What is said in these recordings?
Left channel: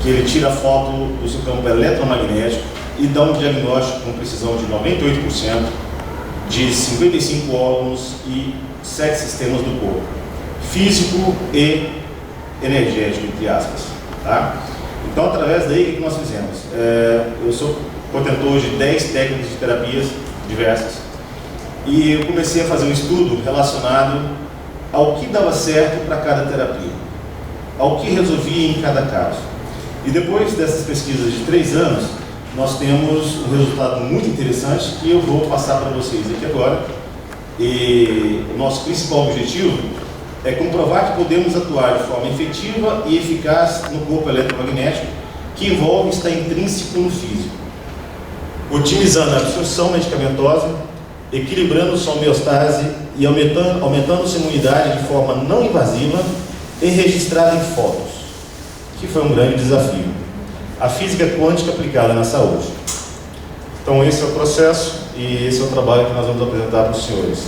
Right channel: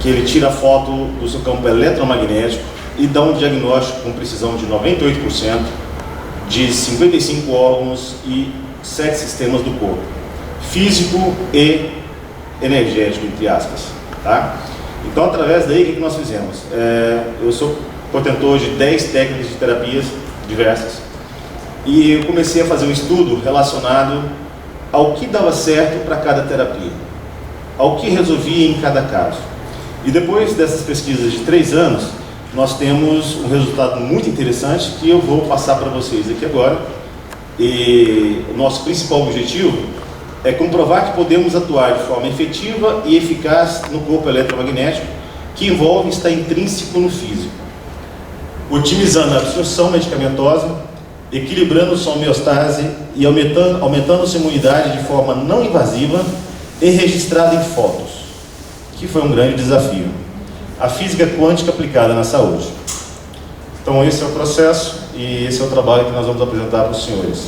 que ele tira a foto do seu campo eletromagnético e dá um diagnóstico com precisão de 98% de 55 órgãos e 7 sistemas do corpo, físico e energético, entre aspas, tá? Então, através daí, o que nós fizemos? Eu sou portentor de 10 técnicas de terapias diversas e eu comecei a fazer um estudo relacionado ao que dava certo para cada terapia, ao que resolvia em cada caso. E depois dessas pesquisas de 3 anos, nós temos um resultado muito interessante que eu vou passar para vocês aqui agora. E o nosso principal objetivo é comprovar que podemos atuar de forma efetiva e eficaz no corpo eletromagnético, que envolve estar intrínseco no físico, otimizando a absorção medicamentosa, equilibrando sua homeostase e aumentando sua imunidade de forma não invasiva e registrada em fotos, que foi um grande desafio. A física quântica aplicada na saúde. Então esse é o processo e esse é o trabalho que nós vamos apresentar para os senhores.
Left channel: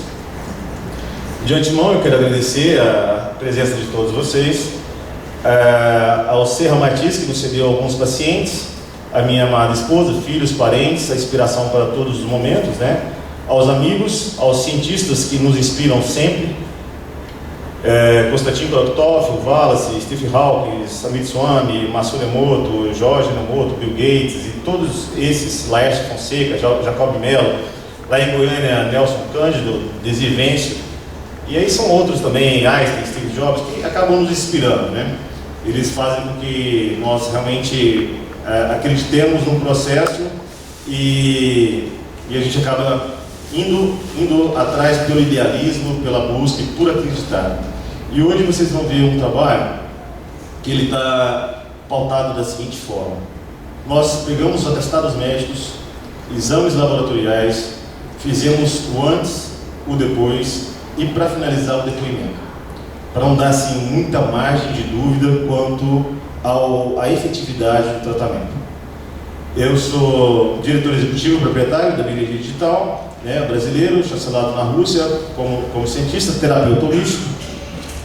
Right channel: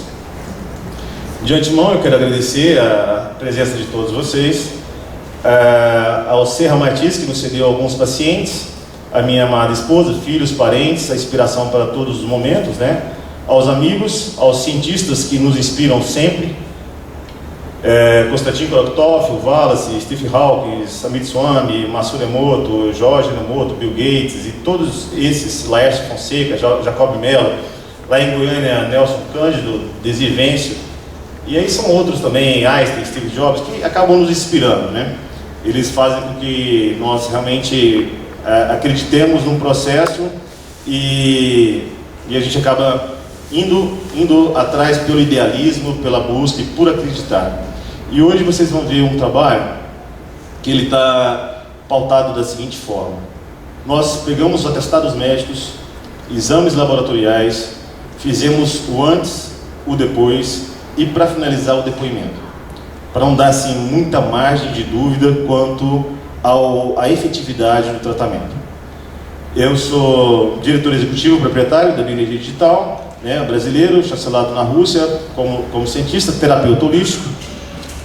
De antemão eu quero agradecer a presença de todos vocês, ao Serra Martins, que nos cedeu alguns pacientes, a minha amada esposa, filhos, parentes, a inspiração para todos os momentos, né? Aos amigos, aos cientistas que nos inspiram sempre, Konstantin Korotkov, Wallace, Steve Hawking, Amit Swami, Masaru Emoto, Jorge Emoto, Bill Gates e todos esses, Laércio Fonseca, Jacob Mello, lá em Goiânia, Nelson Cândido, Desi Vêncio, e aí são outros também, Einstein, Steve Jobs, que acabam nos inspirando, né? Eles fazem com que nós realmente acreditemos num processo e a gente acaba indo atrás pelo idealismo, pela busca e por acreditar. E hoje vocês vão ver um trabalho que ele está pautado da seguinte forma: nós pegamos atestados médicos, exames laboratoriais, fizemos o antes, o depois e para finalizar o depoimento, para não dar assim muita margem de dúvida quanto à efetividade do tratamento. Eu sou diretor executivo proprietário da Bioenergia Digital, brasileiro, chancelado na Rússia como cientista, terapeuta holístico.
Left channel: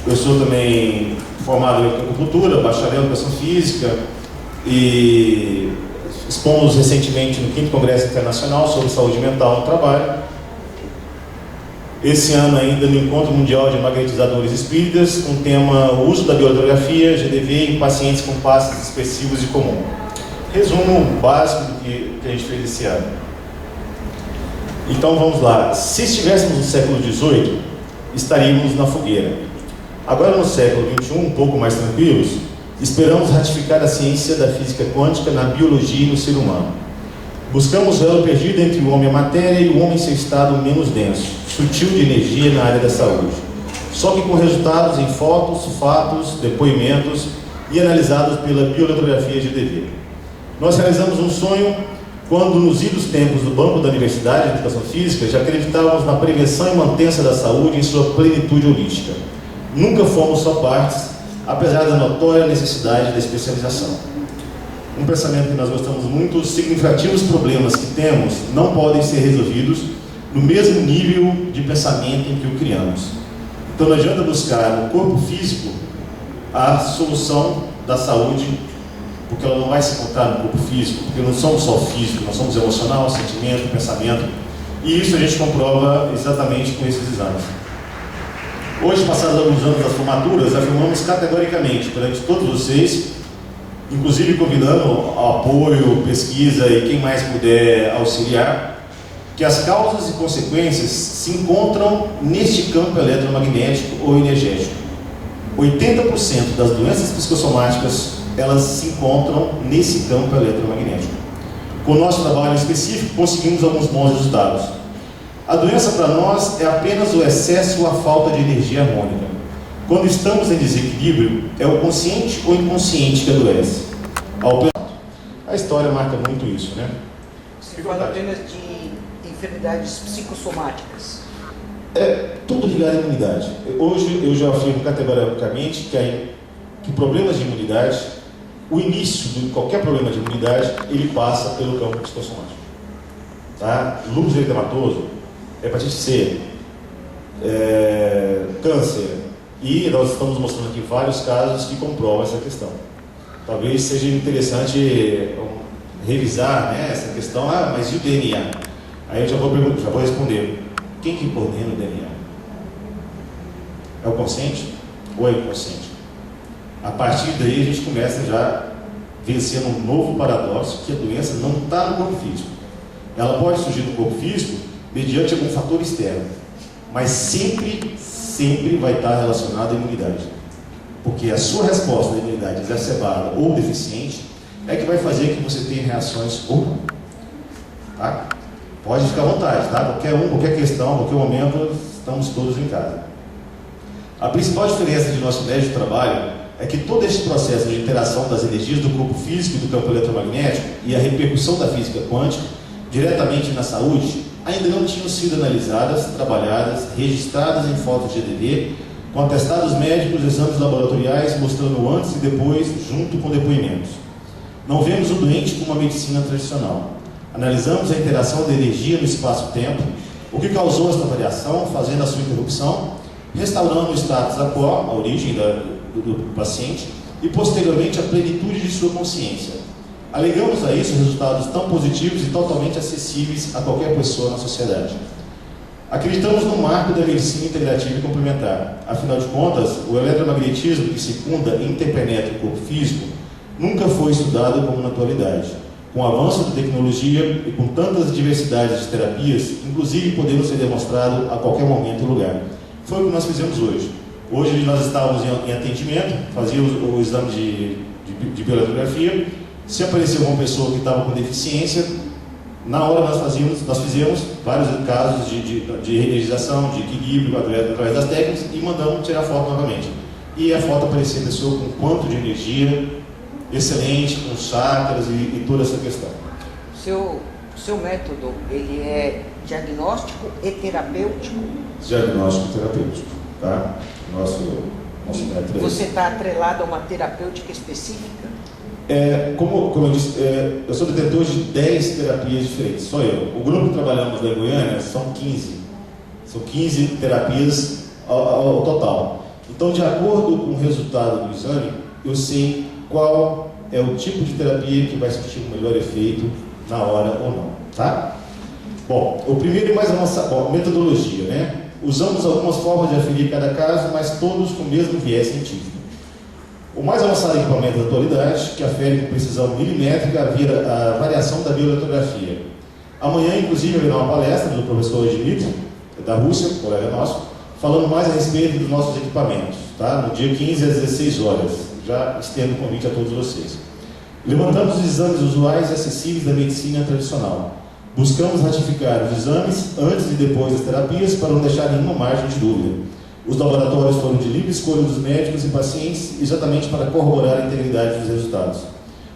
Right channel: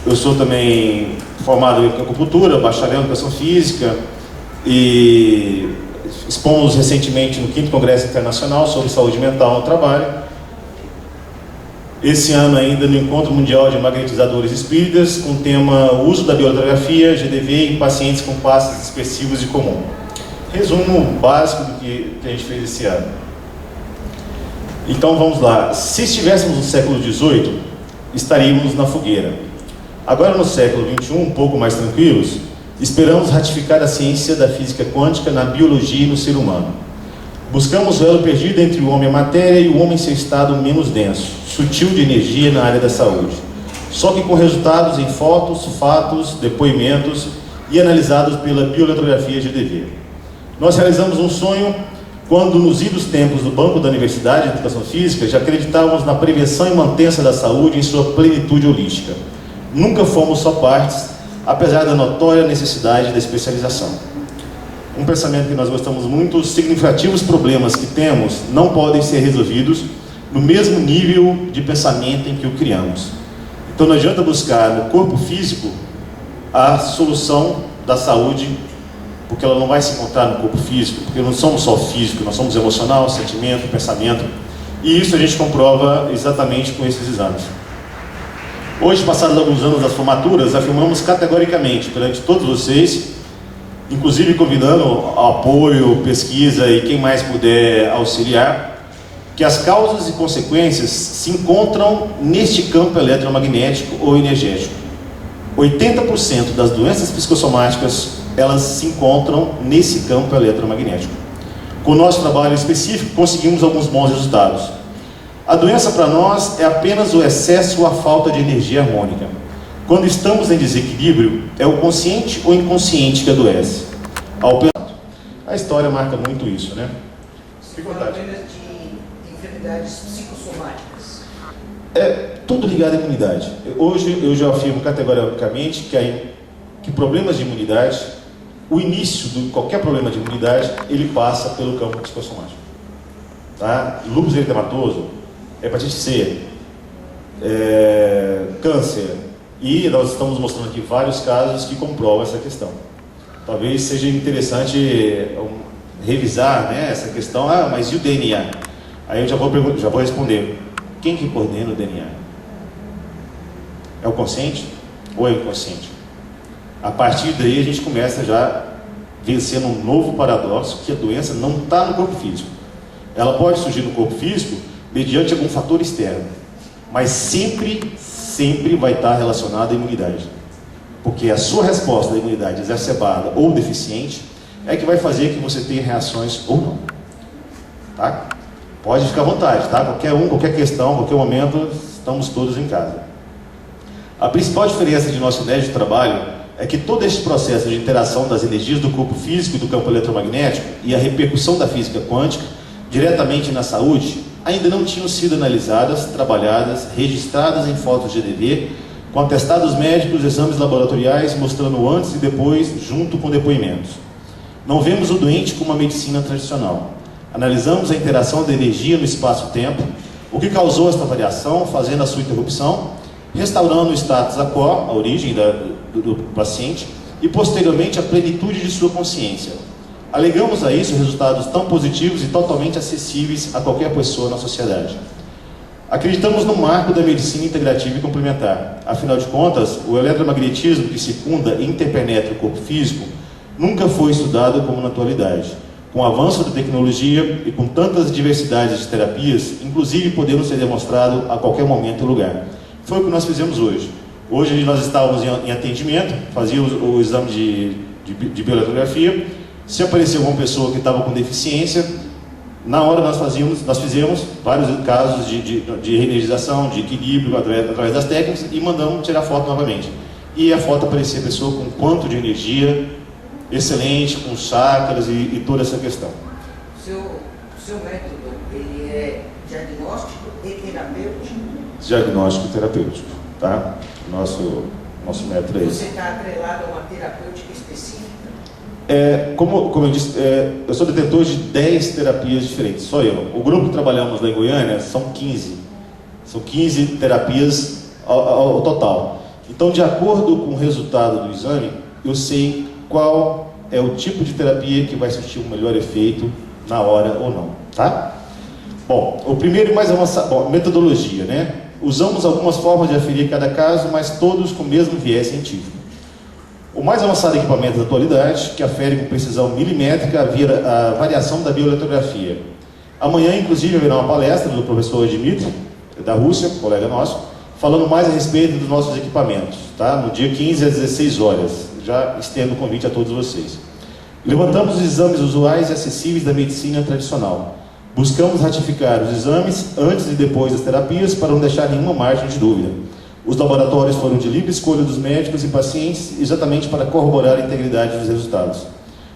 Eu sou também formado em acupuntura, bacharel em educação física e expomos recentemente no 5º Congresso Internacional sobre Saúde Mental no Trabalho. Esse ano ainda no Encontro Mundial de Magnetizadores Espíritas, com o tema Uso da Bioeletrografia, GDV, em pacientes com passos expressivos e comum. Resumo básico do que a gente fez esse ano. Então vamos lá. Se estivéssemos no século XVIII, estaríamos na fogueira. Agora no século XXI, um pouco mais tranquilos, esperamos ratificar a ciência da física quântica na biologia e no ser humano. Buscamos o elo perdido entre o homem e a matéria e o homem em seu estado menos denso, sutil de energia na área da saúde. Só que com resultados em fotos, fatos, depoimentos e analisados pela bioeletrografia GDV. Nós realizamos um sonho quando, nos idos tempos do Banco da Universidade de Educação Física, já acreditávamos na prevenção e manutenção da saúde em sua plenitude holística. Nunca fomos só partes, apesar da notória necessidade da especialização. Um pensamento que nós gostamos muito: os significativos problemas que temos não podem ser resolvidos no mesmo nível de pensamento em que o criamos. Então não adianta buscar no corpo físico a solução da saúde, porque ela não vai se encontrar no corpo físico, porque não somos só físico, nós somos emocional, sentimento, pensamento, e isso a gente comprova exatamente com esses exames. Hoje, passados alguns anos das formaturas, afirmamos categoricamente perante todos vocês, inclusive convidando ao apoio, pesquisa e quem mais puder auxiliar, que as causas e consequências se encontram neste campo eletromagnético ou energético. 80% das doenças psicossomáticas, elas se encontram nesse campo eletromagnético. Com o nosso trabalho específico, conseguimos alguns bons resultados. A doença para nós é apenas o excesso ou a falta de energia harmônica. Quando estamos em desequilíbrio, é o consciente ou inconsciente que adoece. A história marca muito isso, né? Você fala apenas de enfermidades psicossomáticas. Tudo ligado à imunidade. Hoje eu já afirmo categoricamente que problemas de imunidade, o início de qualquer problema de imunidade, ele passa pelo campo psicossomático. Tá? Lúpus eritematoso, hepatite C, câncer, e nós estamos mostrando aqui vários casos que comprovam essa questão. talvez seja interessante revisar, né, essa questão. Ah, mas e o DNA? Aí eu já vou responder. Quem que coordena o DNA? É o consciente ou é o inconsciente? A partir daí a gente começa já vencendo um novo paradoxo, que a doença não está no corpo físico. Ela pode surgir no corpo físico mediante algum fator externo, mas sempre vai estar relacionada à imunidade. Porque a sua resposta à imunidade exacerbada ou deficiente é que vai fazer que você tenha reações ou não. Tá? Pode ficar à vontade, tá? Qualquer questão, qualquer momento, estamos todos em casa. A principal diferença de nosso médio de trabalho é que todo este processo de interação das energias do corpo físico e do campo eletromagnético e a repercussão da física quântica diretamente na saúde ainda não tinham sido analisadas, trabalhadas, registradas em fotos de EDV, com atestados médicos, exames laboratoriais mostrando o antes e depois, junto com depoimentos. Não vemos o doente como uma medicina tradicional. Analisamos a interação da energia no espaço-tempo, o que causou esta variação, fazendo a sua interrupção, restaurando o status quo, a origem do paciente, e posteriormente a plenitude de sua consciência. Alegamos a isso resultados tão positivos e totalmente acessíveis a qualquer pessoa na sociedade. Acreditamos no marco da medicina integrativa e complementar. Afinal de contas, o eletromagnetismo que circunda e interpenetra o corpo físico nunca foi estudado como na atualidade. Com o avanço da tecnologia e com tantas diversidades de terapias, inclusive podendo ser demonstrado a qualquer momento e lugar. Foi o que nós fizemos hoje. Hoje nós estávamos em atendimento, fazíamos o exame de bioeletrografia. Se apareceu uma pessoa que estava com deficiência, na hora nós fizemos vários casos de reenergização, de equilíbrio através das técnicas e mandamos tirar foto novamente. E a foto aparecia a pessoa com quanto de energia excelente, com chakras e toda essa questão. O seu método, ele é diagnóstico e terapêutico? Diagnóstico e terapêutico, tá? Nosso método é esse. Você está atrelado a uma terapêutica específica? Como eu disse, eu sou detentor de 10 terapias diferentes, só eu. O grupo que trabalhamos lá em Goiânia são 15. São 15 terapias ao total. Então, de acordo com o resultado do exame, eu sei qual é o tipo de terapia que vai surtir o melhor efeito na hora ou não, tá? Bom, o primeiro e mais avançado, metodologia, né? Usamos algumas formas de aferir cada caso, mas todos com o mesmo viés científico. O mais avançado equipamento da atualidade, que afere com precisão milimétrica a variação da bioeletrografia. Amanhã, inclusive, haverá uma palestra do professor Dmitry, da Rússia, colega nosso, falando mais a respeito dos nossos equipamentos, tá? No dia 15 às 16 horas. Já estendo o convite a todos vocês. Levantamos os exames usuais e acessíveis da medicina tradicional. Buscamos ratificar os exames antes e depois das terapias para não deixar nenhuma margem de dúvida. Os laboratórios foram de livre escolha dos médicos e pacientes exatamente para corroborar a integridade dos resultados.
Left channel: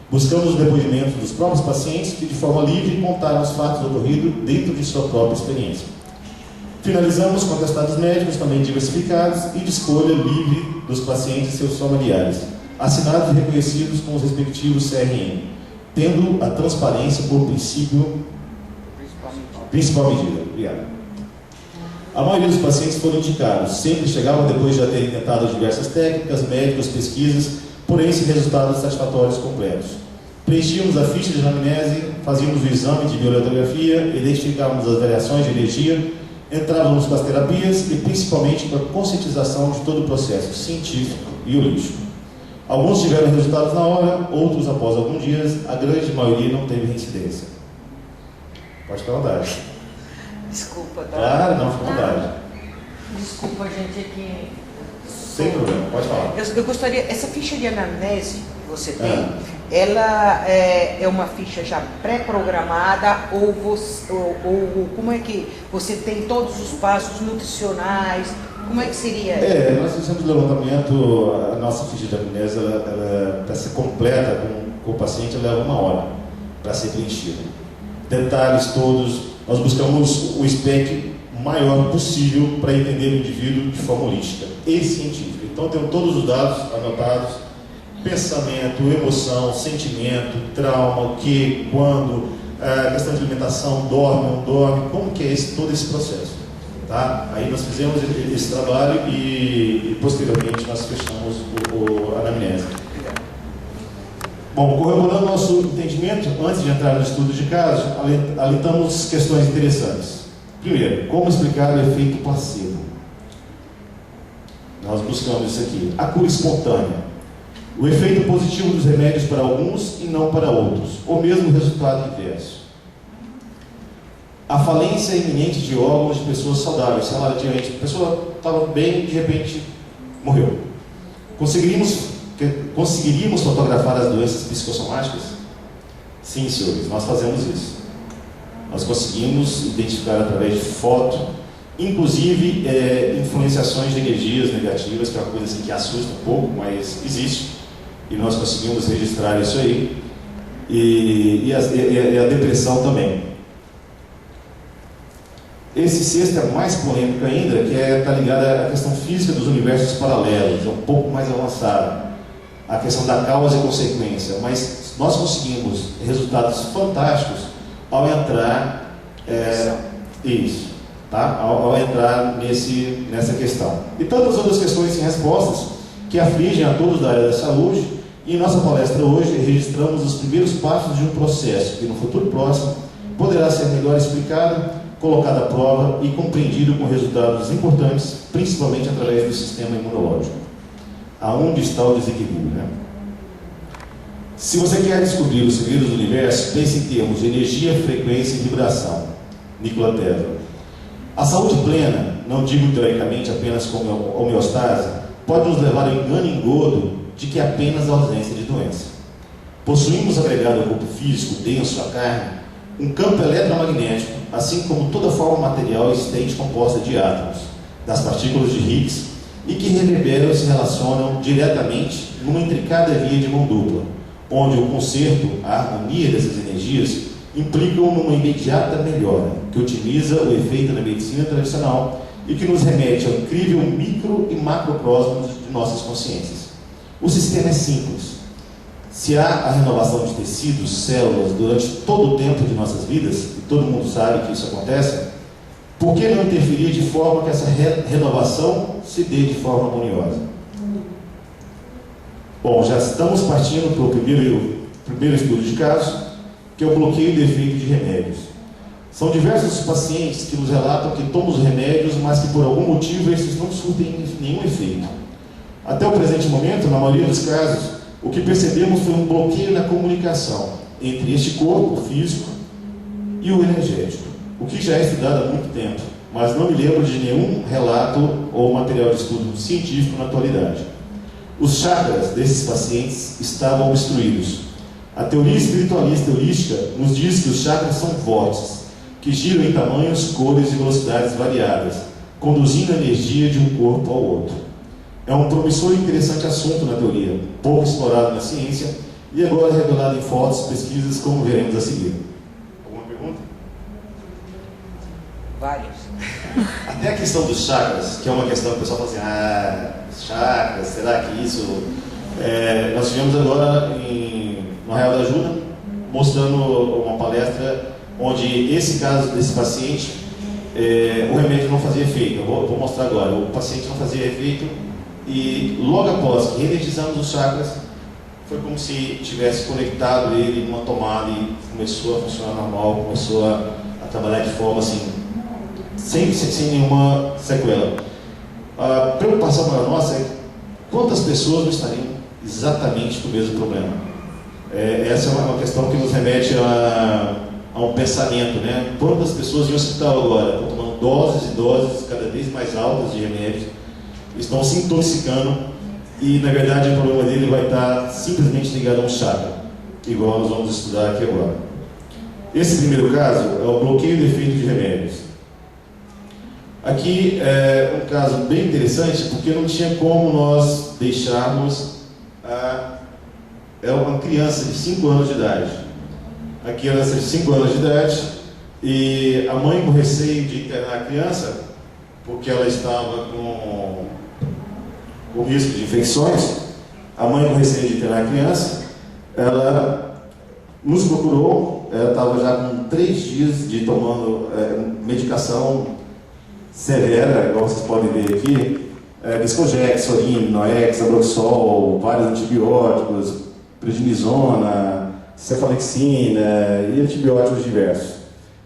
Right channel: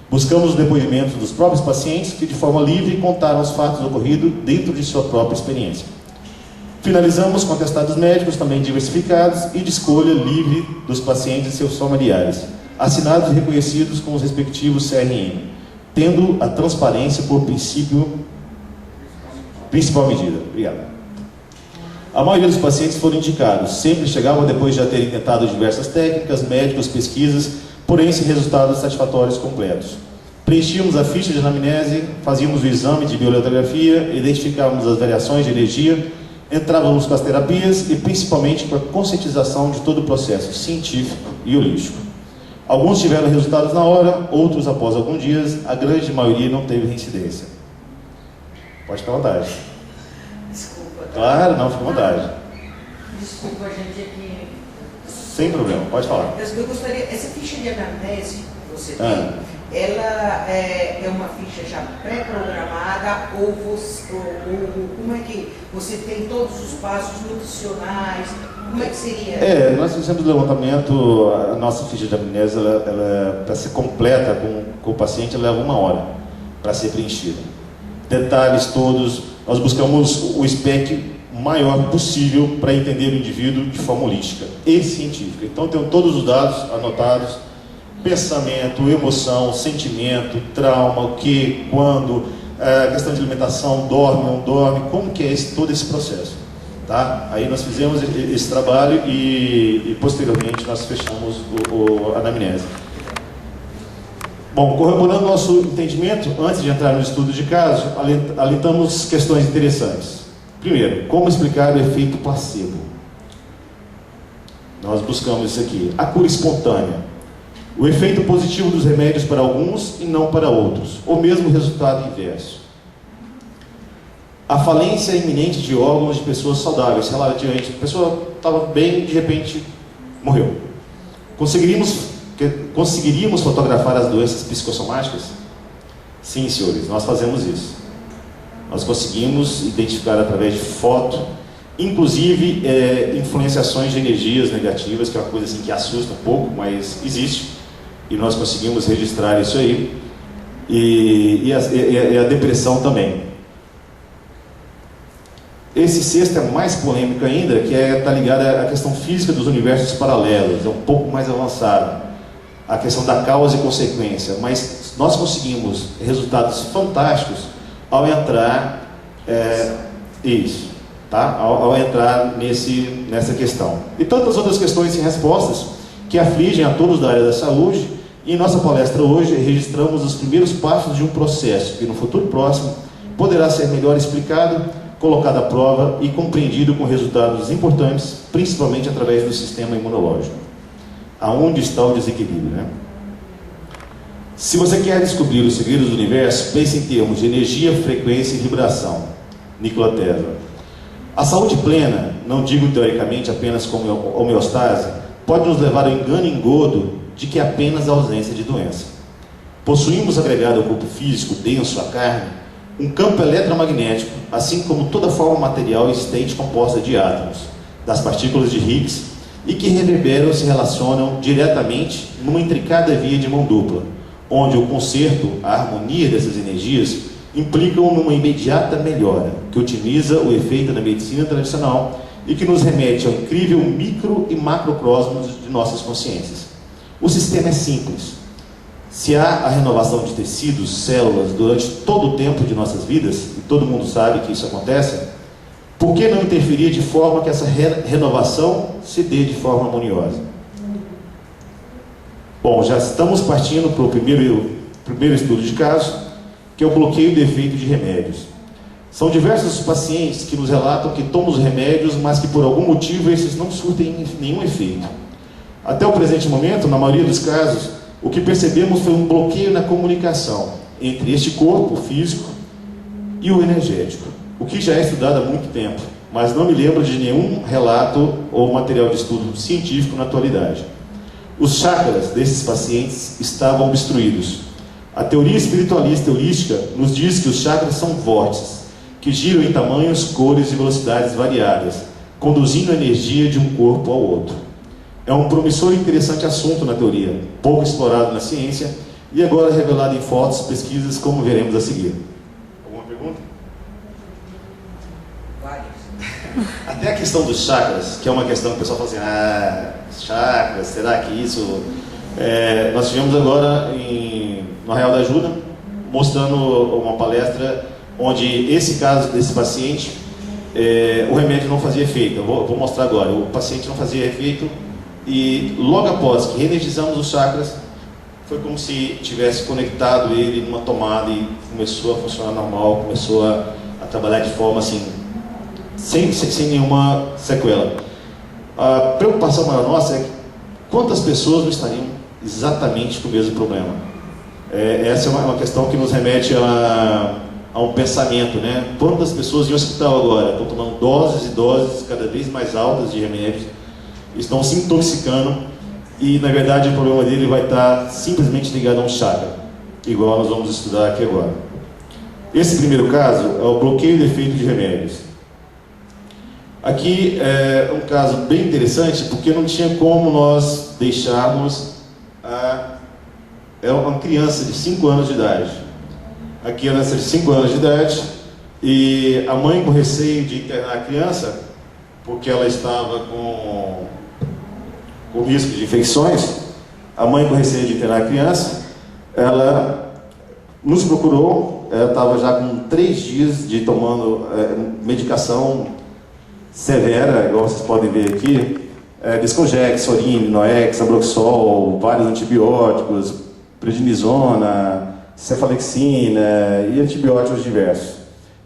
Buscamos os depoimentos dos próprios pacientes que de forma livre contaram os fatos ocorridos dentro de sua própria experiência. Finalizamos com atestados médicos também diversificados e de escolha livre dos pacientes e seus familiares, assinados e reconhecidos com os respectivos CRM, tendo a transparência por principal medida. Obrigado. A maioria dos pacientes foram indicados, sempre chegavam depois de já terem tentado diversas técnicas, médicos, pesquisas, porém sem resultados satisfatórios completos. Preenchíamos a ficha de anamnese, fazíamos o exame de bioeletrografia, identificávamos as variações de energia, entrávamos com as terapias e principalmente com a conscientização de todo o processo científico e holístico. Alguns tiveram resultados na hora, outros após alguns dias, a grande maioria não teve reincidência. Pode ficar à vontade. Desculpa, tá? Claro, não, fica à vontade. Desculpa, gente, aqui. Sem problema, pode falar. Eu gostaria, essa ficha de anamnese que você tem, ela é uma ficha já pré-programada ou como é que você tem todos os passos nutricionais? Como é que seria? Nós fizemos o levantamento, a nossa ficha de anamnese, para ser completa com o paciente, ela leva 1 hora para ser preenchida. Detalhes todos, nós buscamos o spec maior possível para entender o indivíduo de forma holística e científica. Então, tem todos os dados anotados, pensamento, emoção, sentimento, trauma, o que, quando, questão de alimentação, dorme, não dorme, como que é todo esse processo. Tá? Aí nós fizemos esse trabalho e posteriormente nós fechamos a anamnese. Bom, corroborando nosso entendimento, antes de entrar no estudo de caso, alentamos questões interessantes. Primeiro, como explicar o efeito placebo? Nós buscamos isso aqui. A cura espontânea. O efeito positivo dos remédios para alguns e não para outros. Ou mesmo o resultado inverso. A falência iminente de órgãos de pessoas saudáveis. Sei lá, adiante, a pessoa estava bem e de repente morreu. Conseguiríamos fotografar as doenças psicossomáticas? Sim, senhores, nós fazemos isso. Nós conseguimos identificar através de foto, inclusive influenciações de energias negativas, que é uma coisa assim que assusta um pouco, mas existe. E nós conseguimos registrar isso aí. E a depressão também. Esse sexto é mais polêmico ainda, que está ligado à questão física dos universos paralelos, é um pouco mais avançado. A questão da causa e consequência. Mas nós conseguimos resultados fantásticos ao entrar ao entrar nessa questão. E tantas outras questões sem respostas que afligem a todos da área da saúde. E em nossa palestra hoje registramos os primeiros passos de um processo que no futuro próximo poderá ser melhor explicado, colocado à prova e compreendido com resultados importantes, principalmente através do sistema imunológico. Aonde está o desequilíbrio, né? Se você quer descobrir os segredos do universo, pense em termos de energia, frequência e vibração. Nikola Tesla. A saúde plena, não digo teoricamente apenas como homeostase, pode nos levar ao engano e engodo de que é apenas a ausência de doença. Possuímos agregado ao corpo físico, denso, à carne, um campo eletromagnético, assim como toda forma material existente composta de átomos, das partículas de Higgs, e que reverberam e se relacionam diretamente numa intricada via de mão dupla, onde o concerto, a harmonia dessas energias, implicam numa imediata melhora, que otimiza o efeito da medicina tradicional e que nos remete ao incrível micro e macrocosmos de nossas consciências. O sistema é simples. Se há a renovação de tecidos, células, durante todo o tempo de nossas vidas, e todo mundo sabe que isso acontece, por que não interferir de forma que essa renovação se dê de forma harmoniosa? Bom, já estamos partindo para o primeiro estudo de caso, que é o bloqueio de efeito de remédios. São diversos pacientes que nos relatam que tomam os remédios, mas que por algum motivo esses não surtem nenhum efeito. Até o presente momento, na maioria dos casos, o que percebemos foi um bloqueio na comunicação entre este corpo físico e o energético, o que já é estudado há muito tempo, mas não me lembro de nenhum relato ou material de estudo científico na atualidade. Os chakras desses pacientes estavam obstruídos. A teoria espiritualista holística nos diz que os chakras são vórtices, que giram em tamanhos, cores e velocidades variadas, conduzindo a energia de um corpo ao outro. É um promissor e interessante assunto na teoria, pouco explorado na ciência e agora revelado em fortes pesquisas, como veremos a seguir. Alguma pergunta? Várias. Até a questão dos chakras, que é uma questão que o pessoal fala assim, chakras, será que isso... nós tivemos agora no Arraial da Ajuda, mostrando uma palestra onde esse caso desse paciente, o remédio não fazia efeito. Eu vou mostrar agora. O paciente não fazia efeito e logo após que reenergizamos os chakras, foi como se tivesse conectado ele numa tomada e começou a funcionar normal, começou a trabalhar de forma assim, sem nenhuma sequela. A preocupação para nós é quantas pessoas não estariam exatamente com o mesmo problema. Essa é uma questão que nos remete a um pensamento, né? Quantas pessoas em hospital agora estão tomando doses e doses cada vez mais altas de remédios, estão se intoxicando e na verdade o problema dele vai estar simplesmente ligado a um chakra, igual nós vamos estudar aqui agora. Esse primeiro caso é o bloqueio de efeito de remédios. Aqui é um caso bem interessante porque não tinha como nós deixarmos uma criança de 5 anos de idade. A criança de 5 anos de idade e a mãe com receio de internar a criança porque ela estava com risco de infecções. A mãe com receio de internar a criança, ela nos procurou. Ela estava já com 3 dias de tomando medicação severa, igual vocês podem ver aqui, Desconjex, Sorine, Noex, Abroxol, vários antibióticos, prednisona, cefalexina e antibióticos diversos.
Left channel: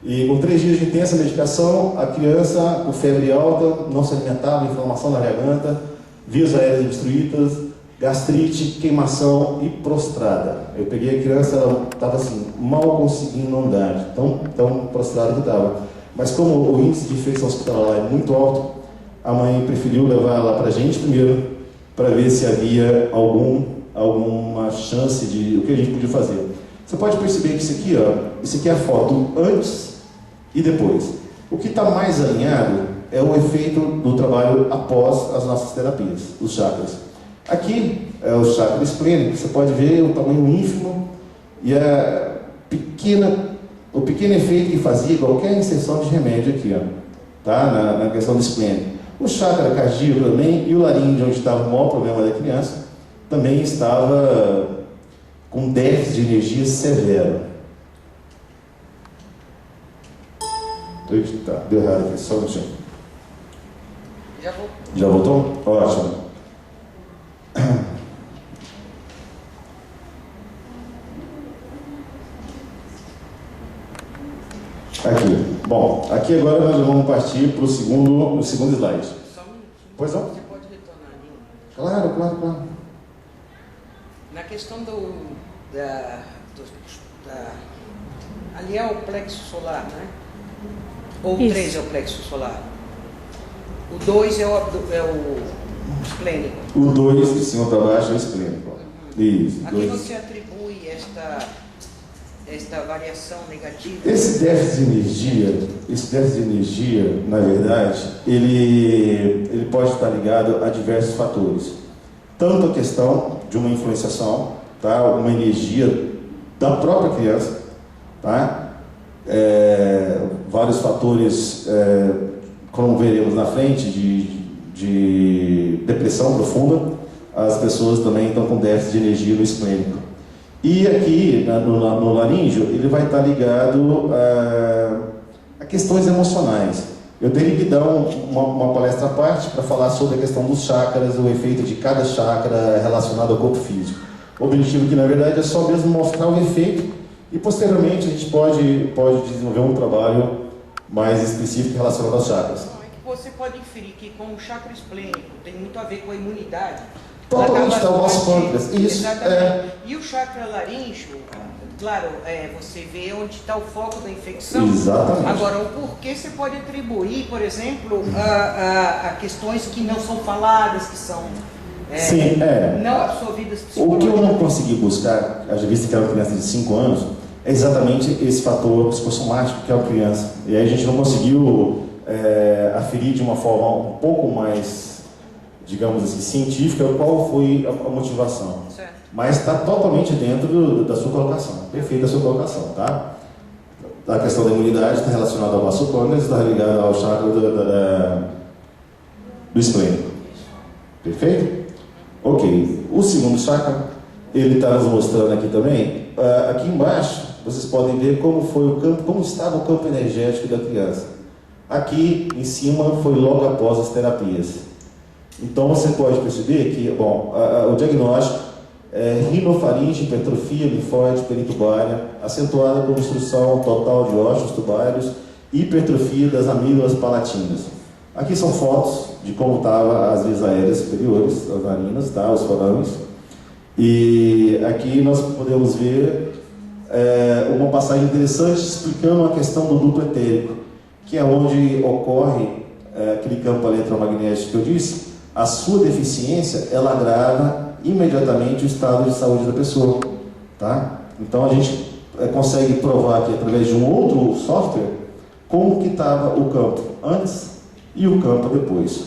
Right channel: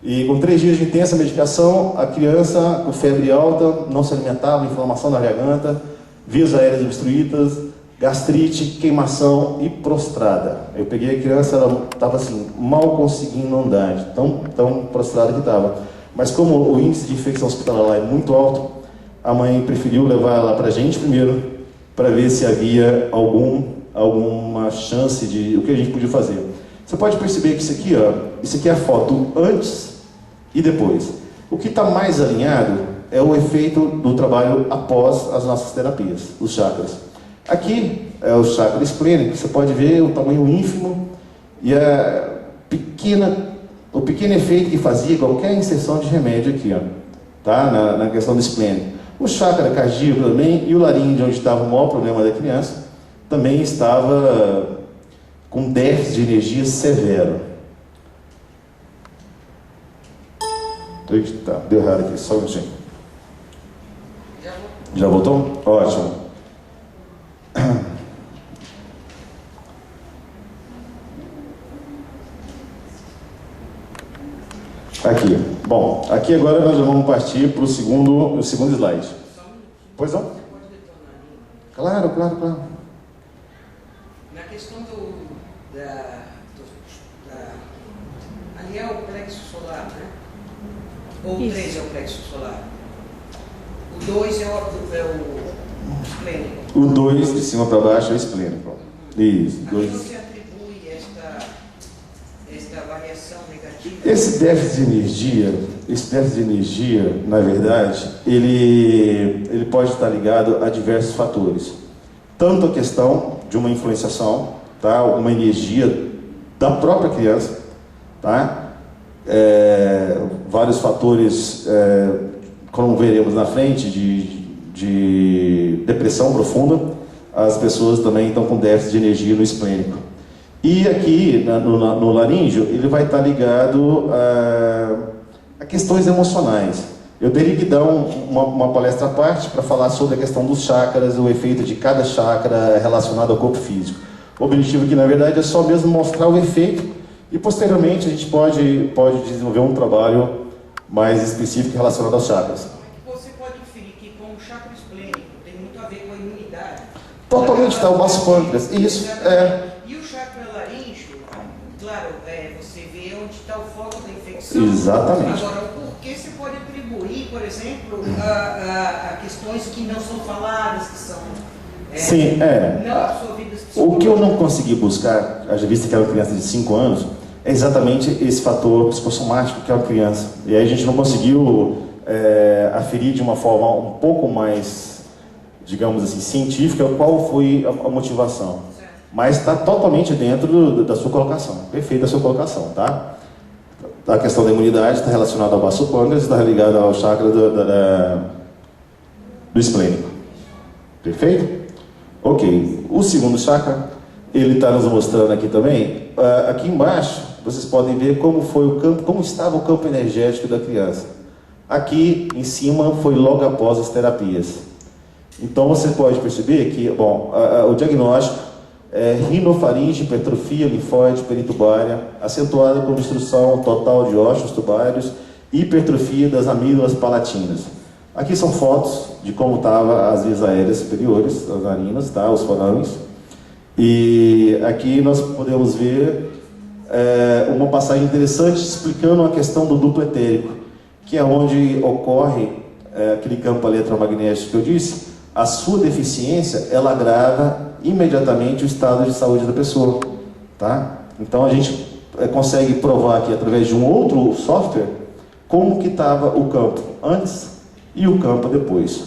E com 3 dias de intensa medicação, a criança com febre alta, não se alimentava, inflamação na garganta, vias aéreas obstruídas, gastrite, queimação e prostrada. Eu peguei a criança, ela estava assim, mal conseguindo andar, tão prostrada que estava. Mas como o índice de infecção hospitalar lá é muito alto, a mãe preferiu levar ela para a gente primeiro, para ver se havia alguma chance de o que a gente podia fazer. Você pode perceber que isso aqui é a foto antes e depois. O que está mais alinhado é o efeito do trabalho após as nossas terapias, os chakras. Aqui é o chakra esplênico, você pode ver o tamanho ínfimo e o pequeno efeito que fazia qualquer inserção de remédio aqui, tá? na questão do esplênico. O chakra cardíaco também e o laríngeo, onde estava o maior problema da criança, também estava com déficit de energia severo. Tá, deu errado aqui, só um minutinho. Já voltou? Ótimo. Aqui. Bom, aqui agora nós já vamos partir para o segundo slide. Pois não? Você pode retornar ali? Claro. Na questão ali é o plexo solar, né? Ou o 3 é o plexo solar? O 2 é o esplênico? O 2 de cima para baixo é o esplênico. Isso. Aqui você atribui esta variação negativa? Esse déficit de energia, na verdade, ele pode estar ligado a diversos fatores. Tanto a questão de uma influenciação, tá? Uma energia da própria criança, tá? Vários fatores, como veremos na frente, de depressão profunda. As pessoas também estão com déficit de energia no esplênico. E aqui, no laríngeo, ele vai estar ligado a questões emocionais. Eu teria que dar uma palestra à parte para falar sobre a questão dos chakras, o efeito de cada chakra relacionado ao corpo físico. O objetivo aqui, na verdade, é só mesmo mostrar o efeito e, posteriormente, a gente pode desenvolver um trabalho mais específico relacionado aos chakras. Você pode inferir que com o chakra esplênico tem muito a ver com a imunidade. Totalmente, está o nosso pâncreas. Isso. E o chakra laríngeo, claro, você vê onde está o foco da infecção. Exatamente. Agora, o porquê você pode atribuir, por exemplo, a questões que não são faladas, que são não absorvidas psicologicamente. O que eu não consegui buscar, haja vista que era uma criança de 5 anos, é exatamente esse fator psicossomático que é uma criança. E aí a gente não conseguiu aferir de uma forma um pouco mais, digamos assim, científica, qual foi a motivação. Certo. Mas está totalmente dentro da sua colocação, perfeita a sua colocação, tá? A questão da imunidade está relacionada ao vaso pâncreas, está ligada ao chakra do esplênico. Perfeito? Ok. O segundo chakra, ele está nos mostrando aqui também. Aqui embaixo, vocês podem ver como estava o campo energético da criança. Aqui em cima foi logo após as terapias. Então você pode perceber que, o diagnóstico é rinofaringe, hipertrofia linfóide peritubária, acentuada por obstrução total de ossos tubários e hipertrofia das amígdalas palatinas. Aqui são fotos de como estavam as vias aéreas superiores, as narinas, tá? Os forames. E aqui nós podemos ver uma passagem interessante explicando a questão do duplo etérico, que é onde ocorre aquele campo eletromagnético que eu disse. A sua deficiência, ela agrava imediatamente o estado de saúde da pessoa, tá? Então a gente consegue provar aqui através de um outro software como que estava o campo antes e o campo depois,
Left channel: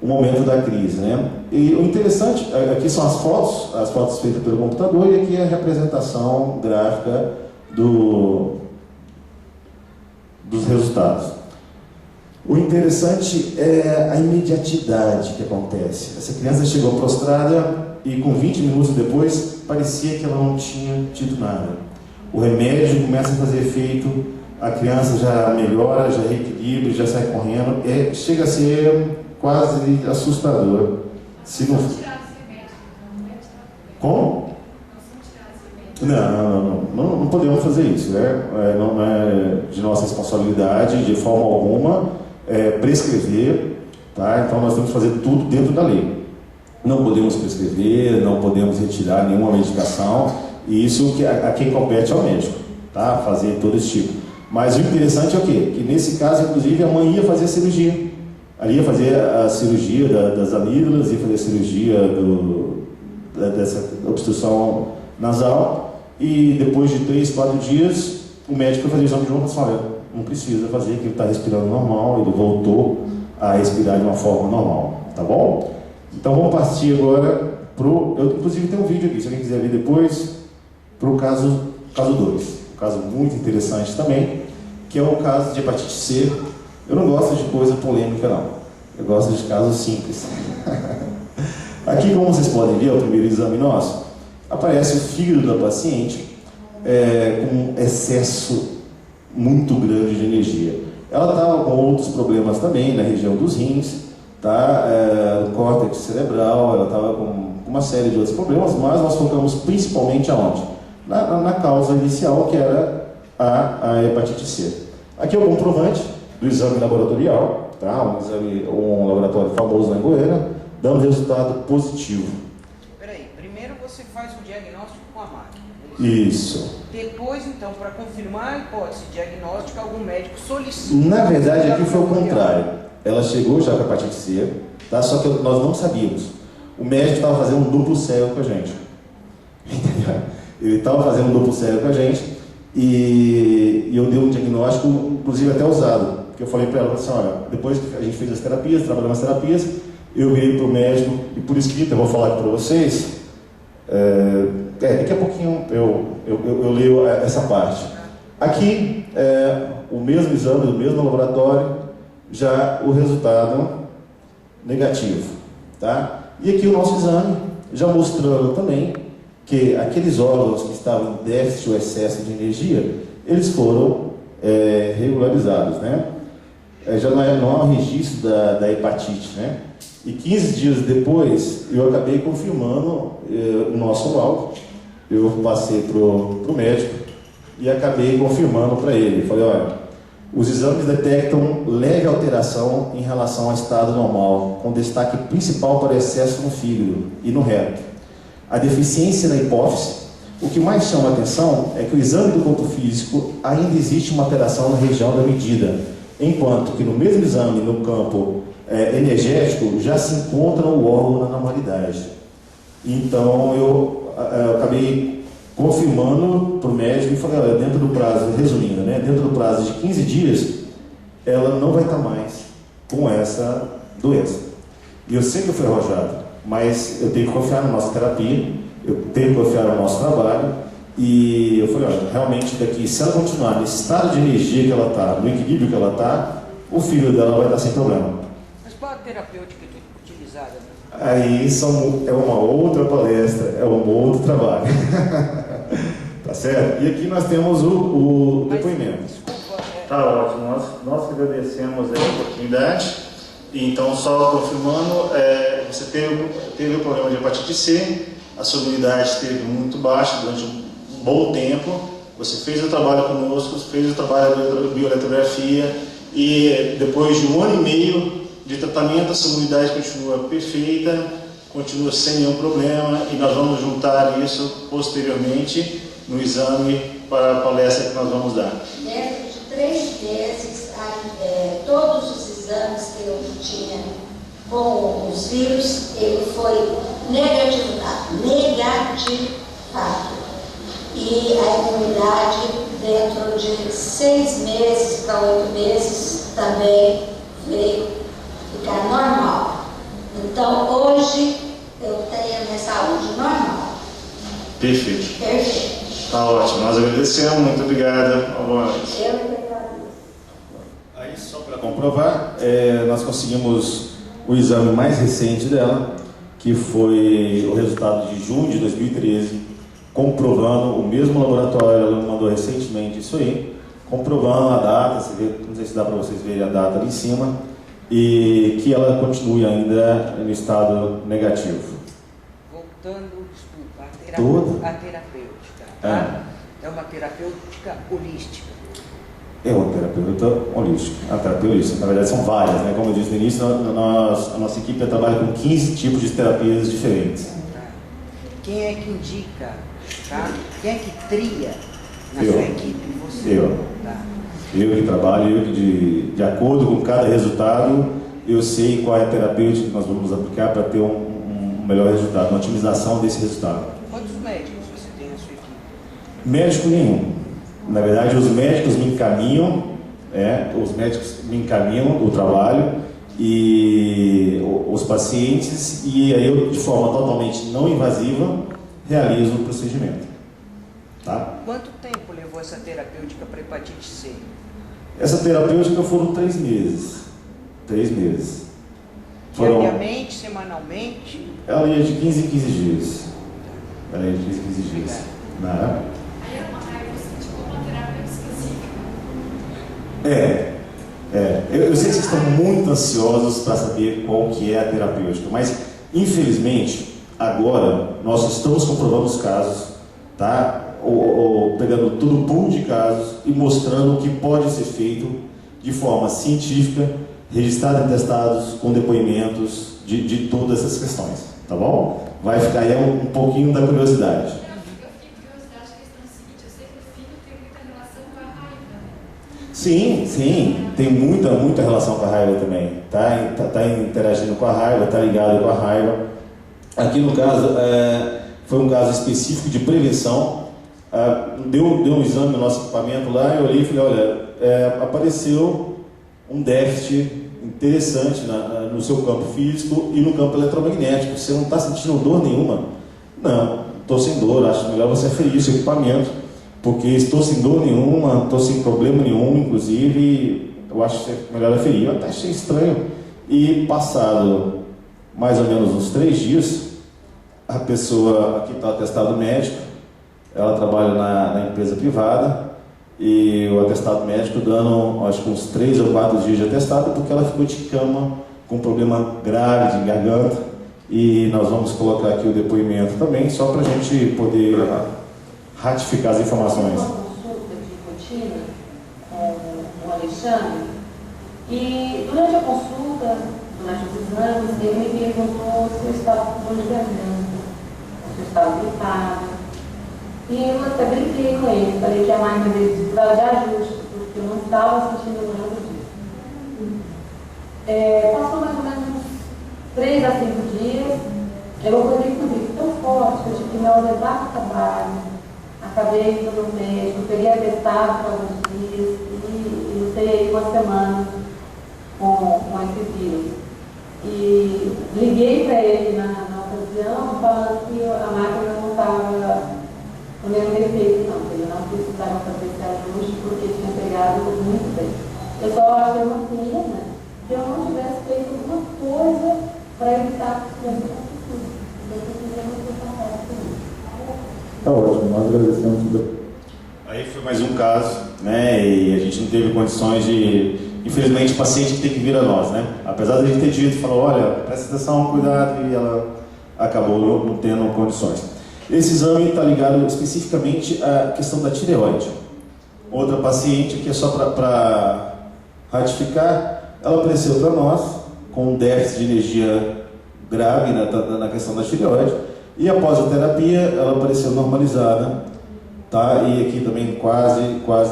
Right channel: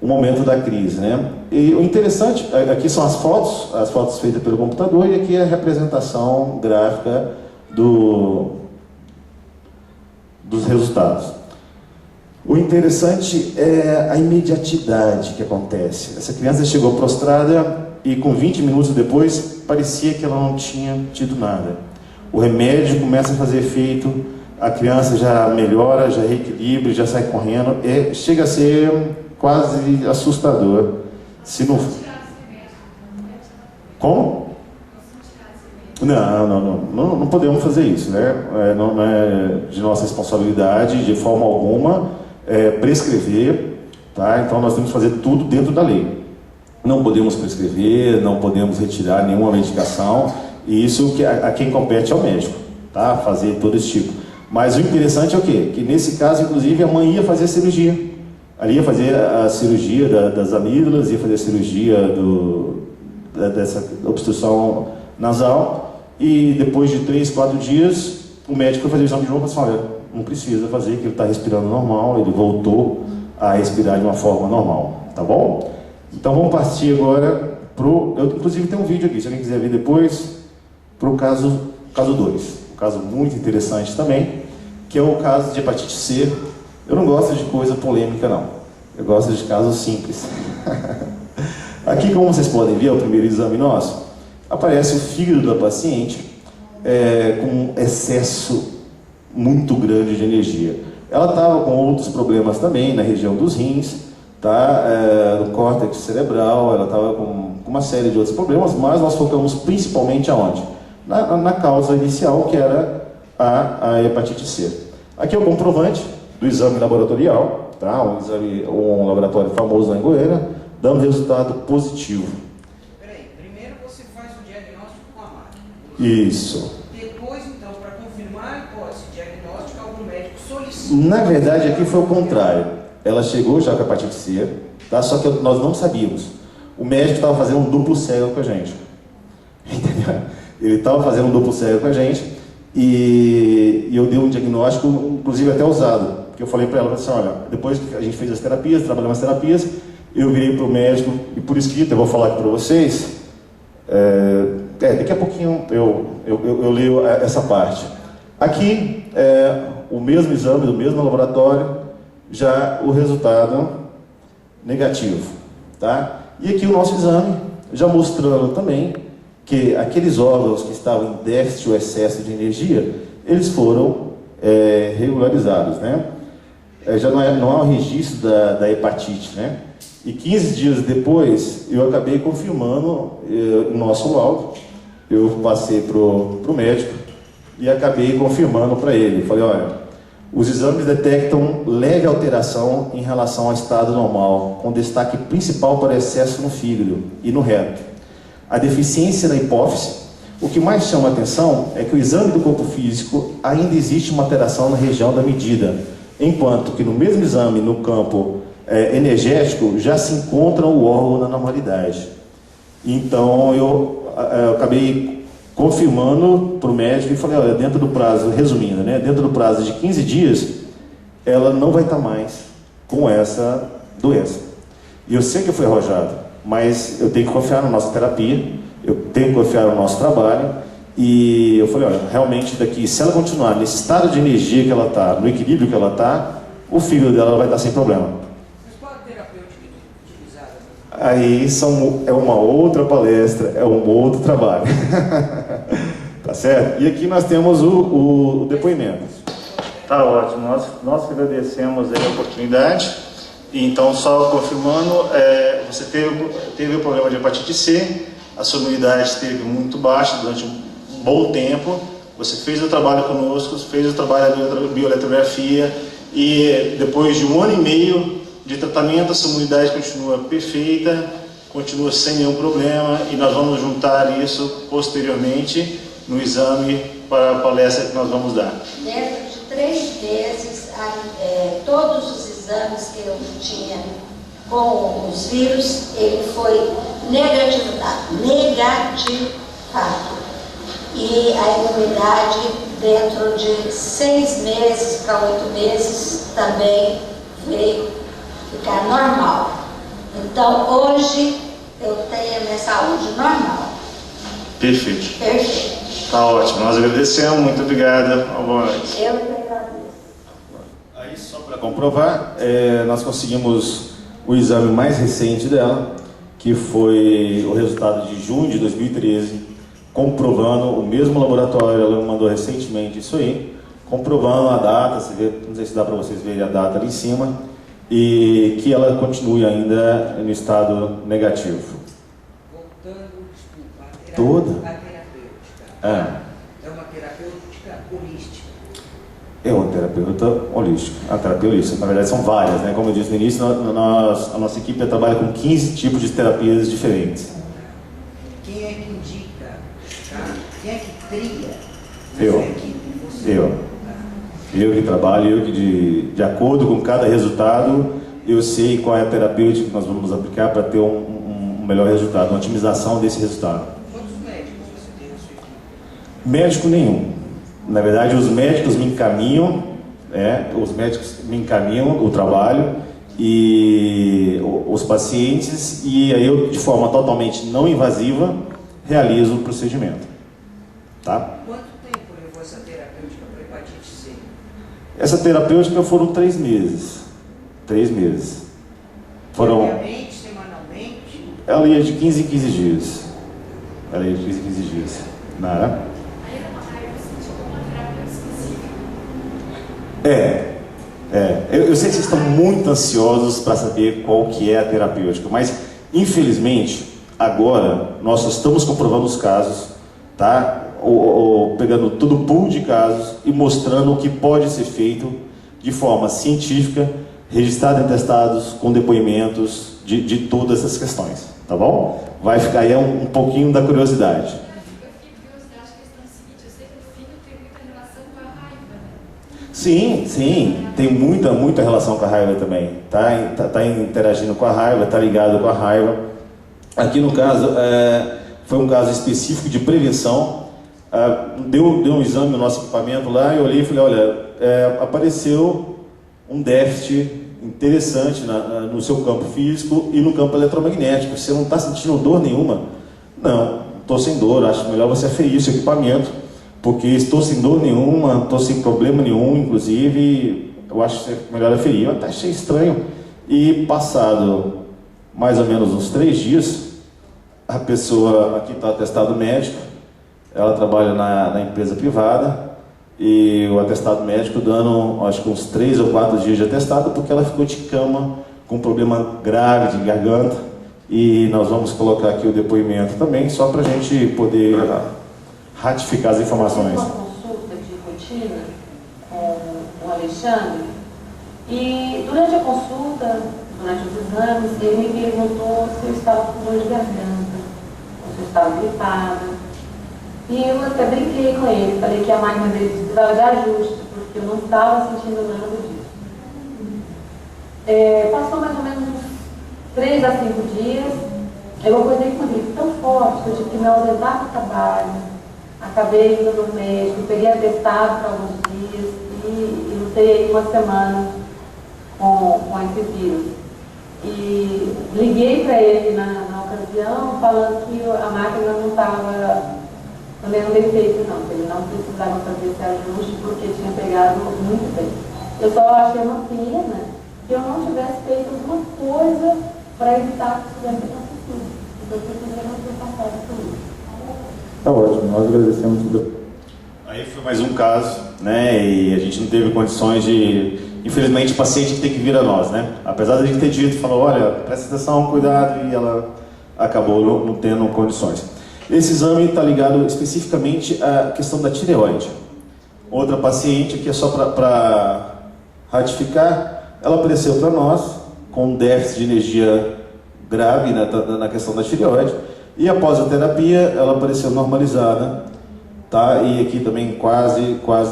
o momento da crise, né? E o interessante, aqui são as fotos feitas pelo computador, e aqui é a representação gráfica dos resultados. O interessante é a imediatidade que acontece. Essa criança chegou prostrada e com 20 minutos depois parecia que ela não tinha tido nada. O remédio começa a fazer efeito, a criança já melhora, já reequilibra, já sai correndo, chega a ser quase assustador. Se não... Como? Não podemos fazer isso, né? Não é de nossa responsabilidade, de forma alguma, prescrever, tá? Então nós temos que fazer tudo dentro da lei. Não podemos prescrever, não podemos retirar nenhuma medicação, e isso a quem compete é o médico, tá? Fazer todo esse tipo. Mas o interessante é o quê? Que nesse caso, inclusive, a mãe ia fazer a cirurgia. Ali ia fazer a cirurgia das amígdalas, ia fazer a cirurgia dessa obstrução nasal, e depois de 3, 4 dias, o médico foi fazer o exame de novo e disse: olha, não precisa fazer, que ele está respirando normal, ele voltou a respirar de uma forma normal, tá bom? Então vamos partir agora eu inclusive tenho um vídeo aqui, se alguém quiser ver depois, para o caso 2, um caso muito interessante também, que é o caso de hepatite C. Eu não gosto de coisa polêmica, não. Eu gosto de casos simples. Aqui, como vocês podem ver, é o primeiro exame nosso. Aparece o fígado da paciente com excesso muito grande de energia. Ela estava com outros problemas também na região dos rins, tá? No córtex cerebral, ela estava com uma série de outros problemas, mas nós focamos principalmente aonde? Na causa inicial, que era a hepatite C. Aqui é o comprovante do exame laboratorial, tá? Um laboratório famoso lá em Goiânia, dando resultado positivo. Peraí, primeiro você faz o diagnóstico com a máquina. Isso. Depois, então, para confirmar a hipótese diagnóstica, algum médico solicita. Na verdade, aqui foi o contrário. Ela chegou já com a hepatite C, tá? Só que nós não sabíamos. O médico estava fazendo um duplo cego com a gente. Entendeu? Ele estava fazendo um duplo cego com a gente e eu dei um diagnóstico, inclusive até usado. Porque eu falei para ela assim: olha, depois que a gente fez as terapias, trabalhamos as terapias, eu virei para o médico, e por escrito, eu vou falar aqui para vocês, daqui a pouquinho eu leio essa parte. Aqui, o mesmo exame, do mesmo laboratório, já o resultado negativo, tá? E aqui o nosso exame, já mostrando também que aqueles órgãos que estavam em déficit ou excesso de energia, eles foram regularizados, né? Já não há um registro da hepatite, né? E 15 dias depois, eu acabei confirmando o nosso laudo. Eu passei para o médico e acabei confirmando para ele. Falei: olha, os exames detectam leve alteração em relação ao estado normal, com destaque principal para excesso no fígado e no reto. A deficiência na hipófise. O que mais chama a atenção é que o exame do corpo físico ainda existe uma alteração na região da medida, enquanto que no mesmo exame, no campo energético, já se encontra o órgão na normalidade. Então eu acabei confirmando para o médico e falei: olha, dentro do prazo, resumindo, né, dentro do prazo de 15 dias, ela não vai estar mais com essa doença. E eu sei que eu fui arrojado, mas eu tenho que confiar na nossa terapia, eu tenho que confiar no nosso trabalho. E eu falei: olha, realmente daqui, se ela continuar nesse estado de energia que ela está, no equilíbrio que ela está, o fígado dela vai estar sem problema. Mas qual a terapêutica utilizada? Aí é uma outra palestra, é um outro trabalho. Tá certo? E aqui nós temos o depoimento. Tá ótimo, nós agradecemos a oportunidade. Então, só confirmando, você teve o problema de hepatite C, a sua imunidade esteve muito baixa durante um bom tempo. Você fez o trabalho conosco, fez o trabalho da bioeletrografia, e depois de 1 ano e meio de tratamento, a sua imunidade continua perfeita, continua sem nenhum problema, e nós vamos juntar isso posteriormente no exame para a palestra que nós vamos dar. Dentro de 3 meses, todos os exames que eu tinha com os vírus, ele foi negativado. E a imunidade, dentro de 6 meses para 8 meses, também veio ficar normal. Então, hoje, eu tenho a minha saúde normal. Perfeito. Perfeito. Tá ótimo, nós agradecemos, muito obrigado. Boa noite. Eu que agradeço. Aí, só para comprovar, nós conseguimos o exame mais recente dela, que foi o resultado de junho de 2013, comprovando, o mesmo laboratório, ela mandou recentemente isso aí, comprovando a data, você vê, não sei se dá para vocês verem a data ali em cima, e que ela continue ainda no estado negativo. Voltando, desculpa, toda. A terapêutica. É uma terapêutica holística. É uma terapeuta holística. A terapia holística, na verdade, são várias, né? Como eu disse no início, a nossa equipe trabalha com 15 tipos de terapias diferentes. Quem é que indica? Tá? Quem é que tria na Eu. sua equipe? Você. Eu. Tá. Eu que trabalho, eu que de acordo com cada resultado, eu sei qual é a terapêutica que nós vamos aplicar para ter um melhor resultado, uma otimização desse resultado. Quantos médicos você tem na sua equipe? Médico nenhum. Na verdade, os médicos me encaminham, o trabalho e os pacientes, e aí eu, de forma totalmente não invasiva, realizo o procedimento. Tá? Quanto tempo levou essa terapêutica para hepatite C? Essa terapêutica foram 3 meses. 3 meses. Diariamente, semanalmente? Ela ia de 15 em 15 dias. Ela ia de 15 em 15 dias. Né? Eu sei que vocês estão muito ansiosos para saber qual que é a terapêutica, mas infelizmente agora nós estamos comprovando os casos, tá? Pegando todo o pool de casos e mostrando o que pode ser feito de forma científica, registrado em testados, com depoimentos de todas essas questões, tá bom? Vai ficar aí um pouquinho da curiosidade. Sim, tem muita relação com a raiva também. Tá interagindo com a raiva, tá ligado com a raiva. Aqui no caso, foi um caso específico de prevenção. Deu um exame no nosso equipamento lá, eu olhei e falei, olha, apareceu um déficit interessante no seu campo físico e no campo eletromagnético. Você não está sentindo dor nenhuma? Não, estou sem dor, acho melhor você aferir esse equipamento, porque estou sem dor nenhuma, estou sem problema nenhum, inclusive eu acho que é melhor aferir. Eu até achei estranho. E passado mais ou menos uns 3 dias, a pessoa aqui está atestado médico, ela trabalha na empresa privada, e o atestado médico dando acho que uns 3 ou 4 dias de atestado, porque ela ficou de cama com um problema grave de garganta, e nós vamos colocar aqui o depoimento também, só para a gente poder ratificar as informações. Uma consulta de rotina com o Alexandre, e durante a consulta, durante os exames, ele me perguntou se eu estava com dor de garganta, se eu estava gripada. E eu até brinquei com ele, falei que a máquina dele precisava de ajuste, porque eu não estava sentindo nada disso. Passou mais ou menos uns 3 a 5 dias, eu acordei com uma gripe tão forte que eu tive que me ausentar do trabalho, acabei indo no médico, peguei atestado por alguns dias e lutei aí uma semana com esse vírus. E liguei para ele na ocasião, falando que a máquina não estava no mesmo defeito, não, que ele não precisava fazer esse ajuste porque tinha pegado muito bem. Eu só achei uma pena que eu não tivesse feito alguma coisa para evitar que isso tivesse acontecido. Eu precisei não ter passado por isso. Tá ótimo, nós agradecemos tudo. Aí foi mais um caso, né? E a gente não teve condições de. Infelizmente, o paciente tem que vir a nós, né? Apesar de a gente ter dito, falou, olha, presta atenção, cuidado, e ela acabou não tendo condições. Esse exame está ligado especificamente à questão da tireoide. Outra paciente, aqui é só para ratificar, ela apareceu para nós com um déficit de energia grave na questão da tireoide, e após a terapia ela apareceu normalizada, tá? E aqui também quase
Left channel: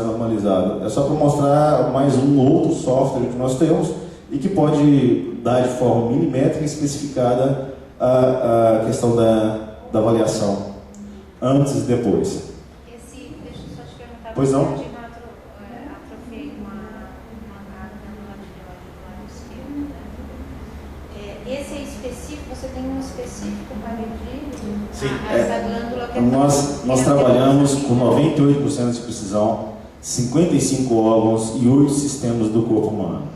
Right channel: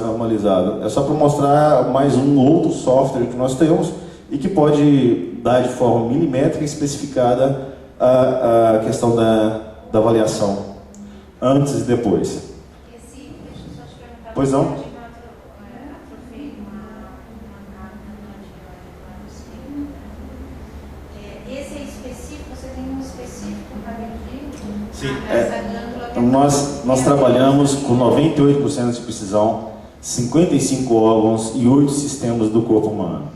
normalizada. É só para mostrar mais um outro software que nós temos e que pode dar de forma milimétrica especificada a questão da avaliação antes e depois. Deixa eu só te perguntar. Pois não? Atrofei uma glândula esquerda, né? Esse é específico? Você tem um específico para medir? Sim. Essa glândula que Nós trabalhamos com 98% de precisão, 55 órgãos e 8 sistemas do corpo humano.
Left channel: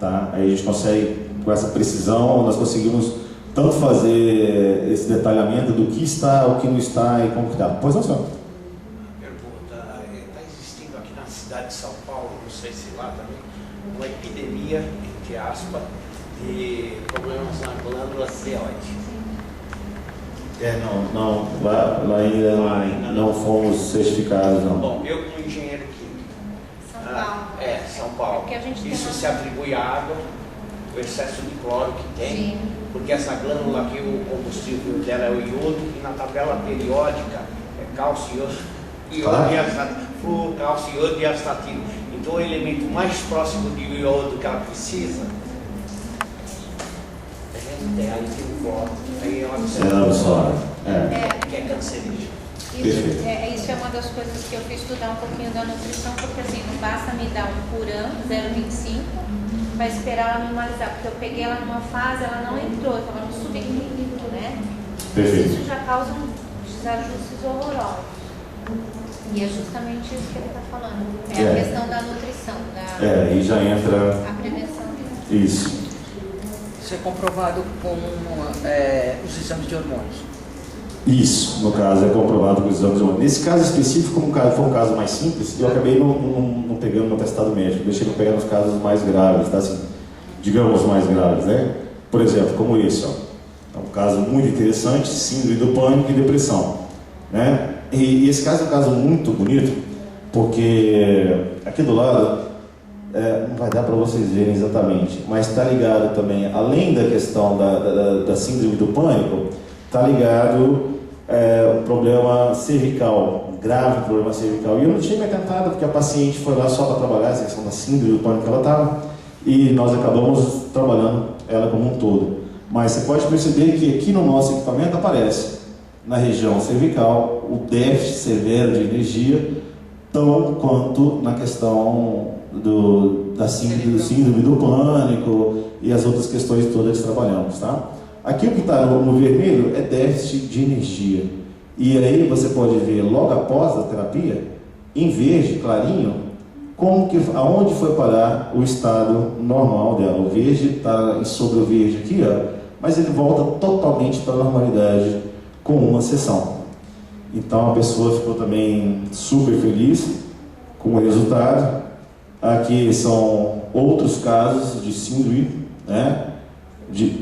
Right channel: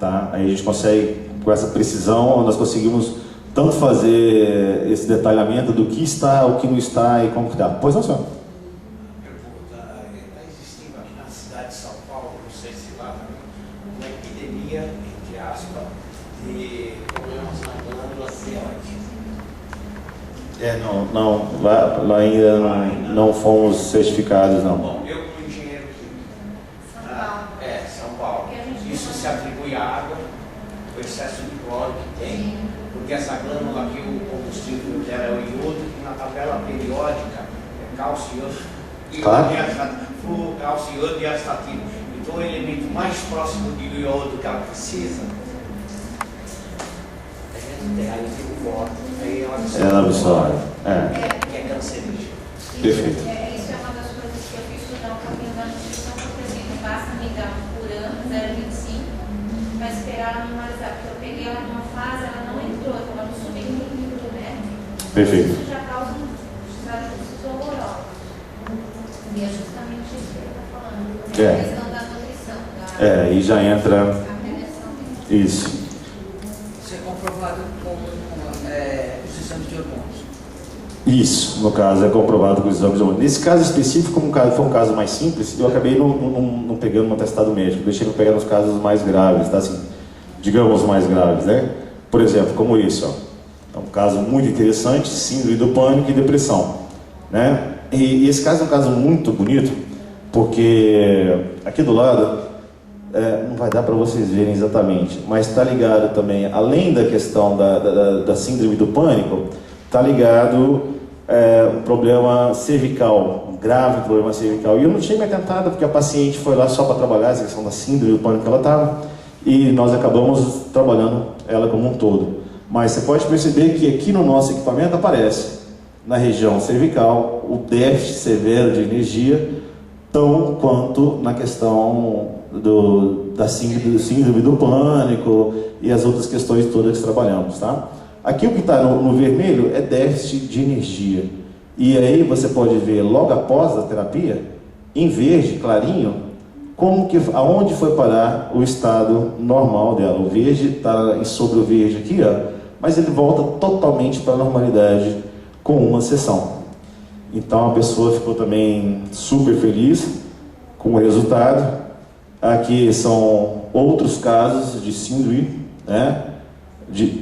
Tá? Aí a gente consegue, com essa precisão, nós conseguimos tanto fazer esse detalhamento do que está, o que não está e como que está. Pois não, senhor? Pergunta, está existindo aqui na cidade de São Paulo, não sei se lá também, uma epidemia, entre aspas, de problemas na glândula tireoide. Não, lá ainda não fomos certificados, não. Bom, eu como engenheiro químico. São Paulo. São Paulo. Porque a gente Isso tem- se atribui à água, o excesso de cloro que tem, Sim. porque essa glândula aqui, o combustível dela é o iodo, e na tabela periódica é cálcio, iodo, Claro. e flúor, cálcio, iodo e astatino. Então o elemento mais próximo de iodo que ela precisa, a gente tem aí tem o cloro, aí ela Ela absorve. que é cancerígeno. Perfeito. Isso é uma das coisas que eu fui estudar um pouquinho da nutrição, porque assim, não basta me dar um por ano, 0,25, para esperar ela normalizar, porque eu peguei ela numa fase, ela não entrou, eu estava no subequilíbrio, né? Perfeito. Isso já causa desajustes horrorosos. E é justamente isso que ele está falando, é a questão da nutrição, E já entra a prevenção. isso. Isso é comprovado com os exames de hormônios. Isso, no caso, é comprovado com os exames de hormônio. Nesse caso específico, como foi um caso mais simples, eu acabei não pegando um atestado médico, deixei ele pegar nos casos mais graves, tá? Assim, digamos mais graves, né? Por exemplo, como esse, ó. É um caso muito interessante, síndrome do pânico e depressão, né? E esse caso é um caso muito bonito, porque aqui do lado, não vai dar para vocês verem exatamente, mas está ligado também, além da questão da síndrome do pânico, está ligado um problema cervical, um grave problema cervical. E eu não tinha me atentado, porque a paciente foi lá só para trabalhar essa questão da síndrome do pânico que ela estava, e nós acabamos trabalhando ela como um todo. Mas você pode perceber que aqui no nosso equipamento aparece, na região cervical, o déficit severo de energia, tão quanto na questão da síndrome do pânico e as outras questões todas que trabalhamos, tá? Aqui o que está no vermelho é déficit de energia. E aí você pode ver logo após a terapia, em verde, clarinho, aonde foi parar o estado normal dela. O verde está sobre o verde aqui, ó, mas ele volta totalmente para a normalidade com uma sessão. Então a pessoa ficou também super feliz com o resultado. Aqui são outros casos de síndrome, né?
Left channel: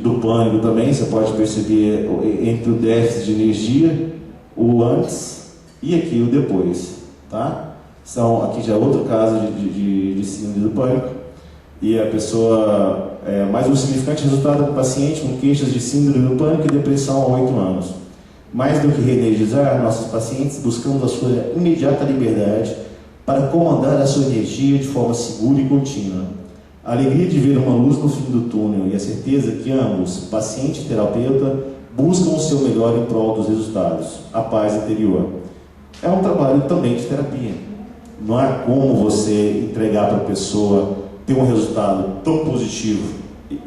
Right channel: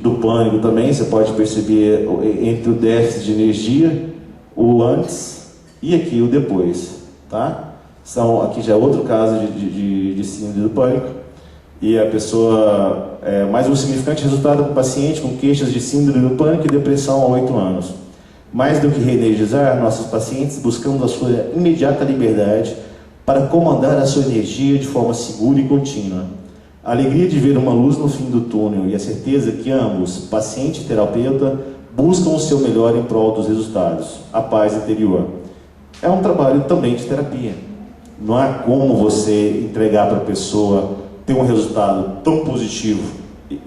Do pânico também, você pode perceber entre o déficit de energia, o antes e aqui o depois, tá? Aqui já é outro caso de síndrome do pânico, e a pessoa, mais um significante resultado do paciente com queixas de síndrome do pânico e depressão há 8 anos. Mais do que reenergizar nossos pacientes, buscamos a sua imediata liberdade para comandar a sua energia de forma segura e contínua. A alegria de ver uma luz no fim do túnel e a certeza que ambos, paciente e terapeuta, buscam o seu melhor em prol dos resultados, a paz interior. É um trabalho também de terapia. Não há como você entregar para a pessoa ter um resultado tão positivo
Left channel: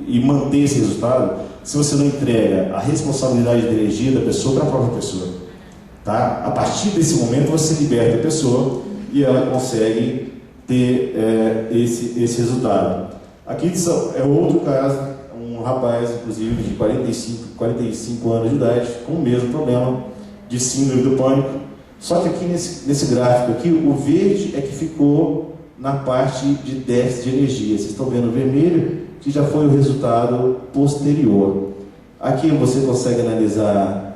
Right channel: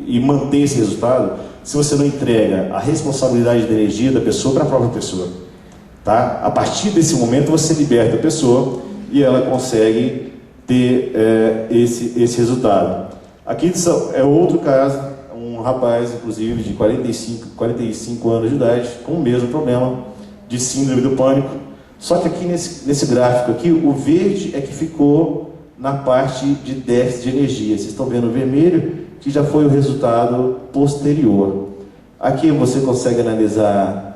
e manter esse resultado se você não entrega a responsabilidade da energia da pessoa para a própria pessoa. Tá? A partir desse momento você liberta a pessoa e ela consegue ter esse resultado. Aqui é outro caso, um rapaz, inclusive, de 45 anos de idade, com o mesmo problema de síndrome do pânico. Só que aqui nesse gráfico aqui, o verde é que ficou na parte de déficit de energia. Vocês estão vendo o vermelho, que já foi o resultado posterior. Aqui você consegue analisar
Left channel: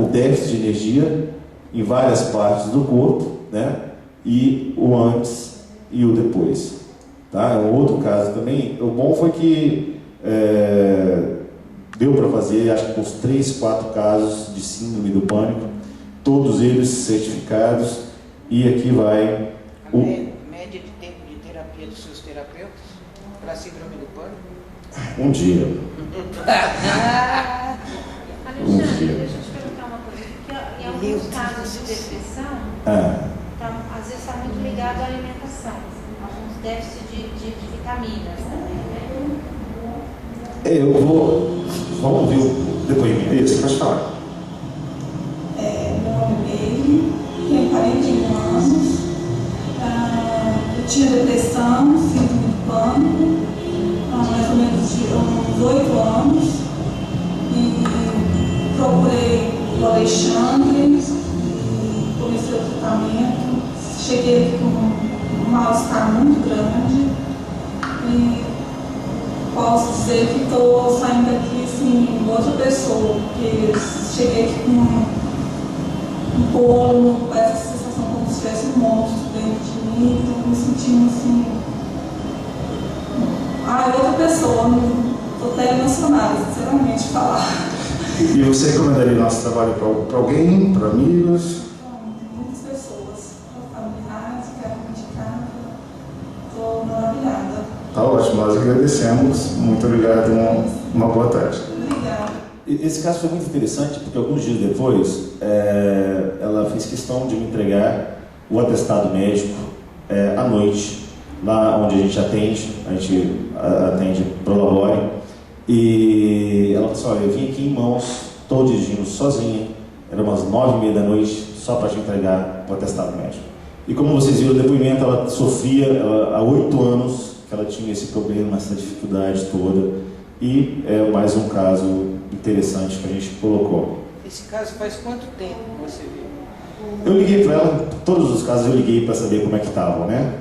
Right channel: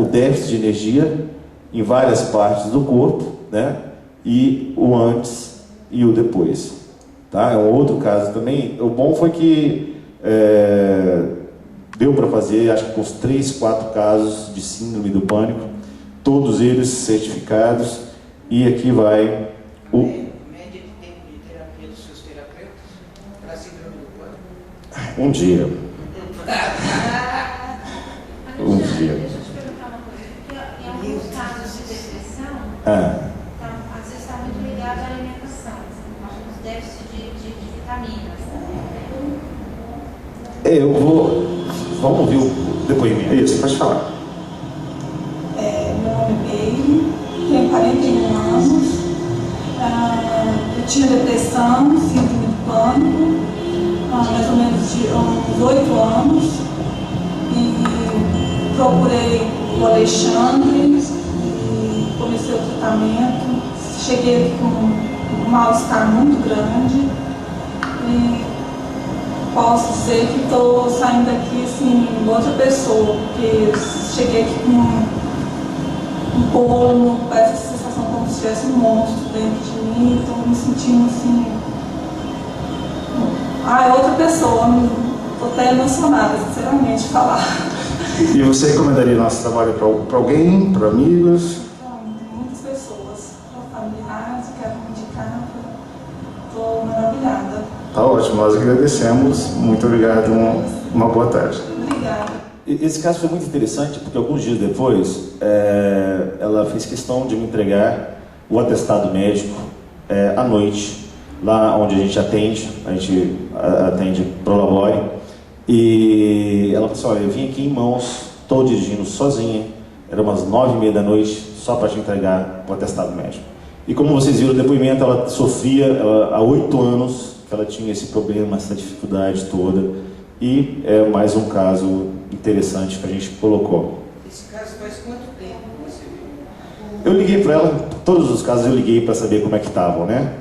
o déficit de energia em várias partes do corpo, né? E o antes e o depois. Tá? É um outro caso também. O bom foi que deu para fazer, acho que uns 3, 4 casos de síndrome do pânico, todos eles certificados, e aqui vai A média de tempo de terapia dos seus terapeutas para a síndrome do pânico? um dia. Alexandre, deixa eu te perguntar uma coisa, porque em alguns casos de depressão, às vezes está muito ligado à alimentação, alguns déficits de vitaminas também, né? Vamos ouvir o depoimento. Isso, pode falar. Meu nome é Meire, tenho 41 anos, eu tinha depressão, síndrome do pânico, mais ou menos de uns 8 anos, e procurei o Alexandre e comecei o tratamento. Cheguei aqui com um mal-estar muito grande e posso dizer que estou saindo daqui assim, outra pessoa, porque cheguei aqui com um bolo, parece a sensação como se tivesse um monstro dentro de mim, então me sentindo assim. É outra pessoa, estou até emocionada, sinceramente, de falar. E você recomendaria nosso trabalho para alguém, para amigos? Muitas pessoas, para familiares, quero indicar, estou maravilhada. Tá ótimo, nós agradecemos. Muito obrigado, uma boa tarde. Obrigada. Esse caso foi muito interessante porque alguns dias depois ela fez questão de me entregar o atestado médico à noite, lá onde a gente atende pro labore, e ela falou assim: olha, eu vim aqui em mãos, estou dirigindo sozinha, era umas 9h30 da noite, só para te entregar o atestado médico. E como vocês viram no depoimento, ela sofria há 8 anos que ela tinha esse problema, essa dificuldade toda, e é mais um caso interessante que a gente colocou. Esse caso faz quanto tempo que você viu? Eu liguei para ela, todos os casos eu liguei para saber como é que estavam, né?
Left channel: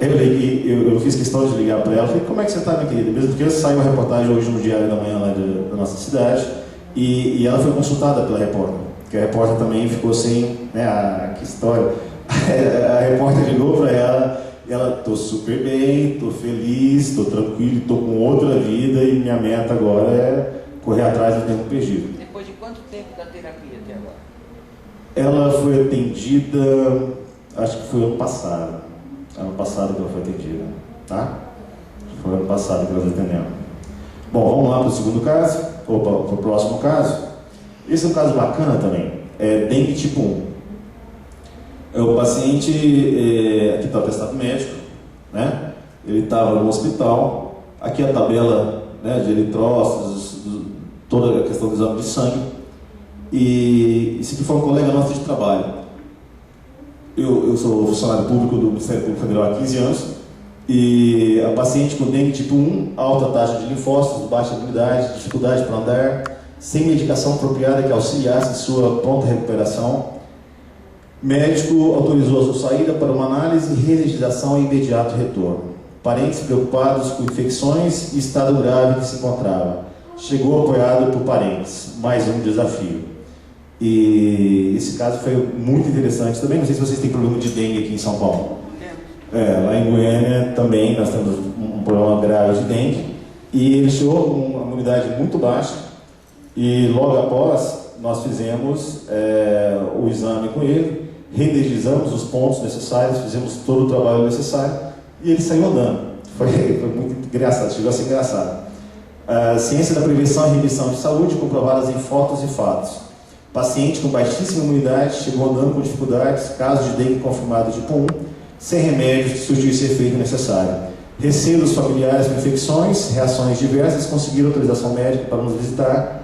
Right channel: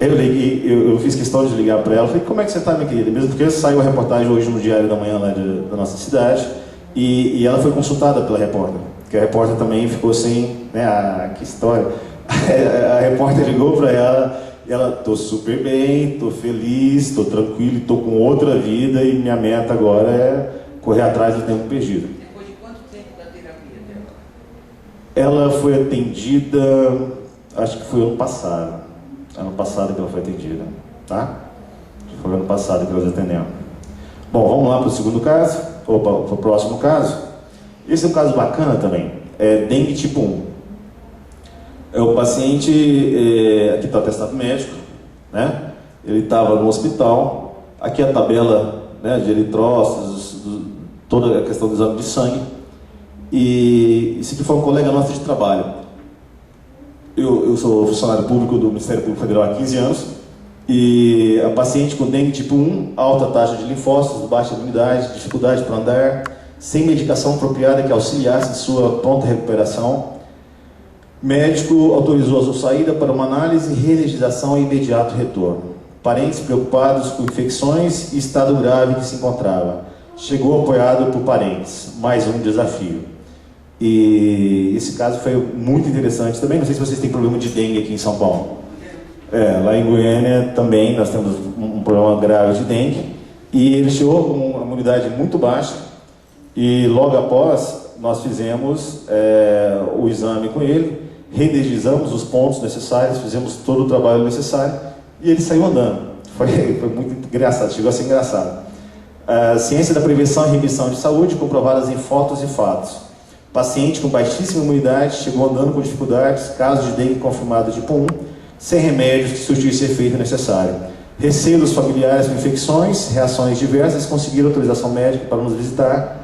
Eu fiz questão de ligar para ela, falei: como é que você está, minha querida? Mesmo porque saiu a reportagem hoje no Diário da Manhã lá da nossa cidade, e ela foi consultada pela repórter, porque a repórter também ficou sem, né, que história. A repórter ligou para ela e ela: tô super bem, tô feliz, tô tranquilo, tô com outra vida e minha meta agora é correr atrás do tempo perdido. Depois de quanto tempo da terapia até agora? Ela foi atendida, acho que foi ano passado que ela foi atendida, tá? Foi ano passado que nós atendemos. Bom, vamos lá para o segundo caso, ou para o próximo caso. Esse é um caso bacana também, é dengue tipo 1. O paciente, aqui está o atestado médico, né? Ele estava no hospital, aqui a tabela, né, de eritrócitos, toda a questão do exame de sangue, e esse aqui foi um colega nosso de trabalho. Eu sou funcionário público do Ministério Público Federal há 15 anos, e a paciente com dengue tipo 1, alta taxa de linfócitos, baixa imunidade, dificuldade para andar, sem medicação apropriada que auxiliasse em sua pronta recuperação. Médico autorizou a sua saída para uma análise e registração e imediato retorno. Parentes preocupados com infecções e estado grave que se encontrava. Chegou apoiado por parentes. Mais um desafio. E esse caso foi muito interessante também. Não sei se vocês têm problema de dengue aqui em São Paulo. Lá em Goiânia também nós temos um problema grave de dengue. E ele chegou com uma imunidade muito baixa. E logo após nós fizemos o exame com ele, reenergizamos os pontos necessários, fizemos todo o trabalho necessário e ele saiu andando. Foi muito engraçado, chegou a ser engraçado. A ciência da prevenção e remissão de saúde, comprovadas em fotos e fatos. Paciente com baixíssima imunidade, chegou andando com dificuldades, caso de dengue confirmado tipo 1, sem remédios que surtisse efeito necessário. Receio dos familiares com infecções, reações diversas, conseguiram autorização médica para nos visitar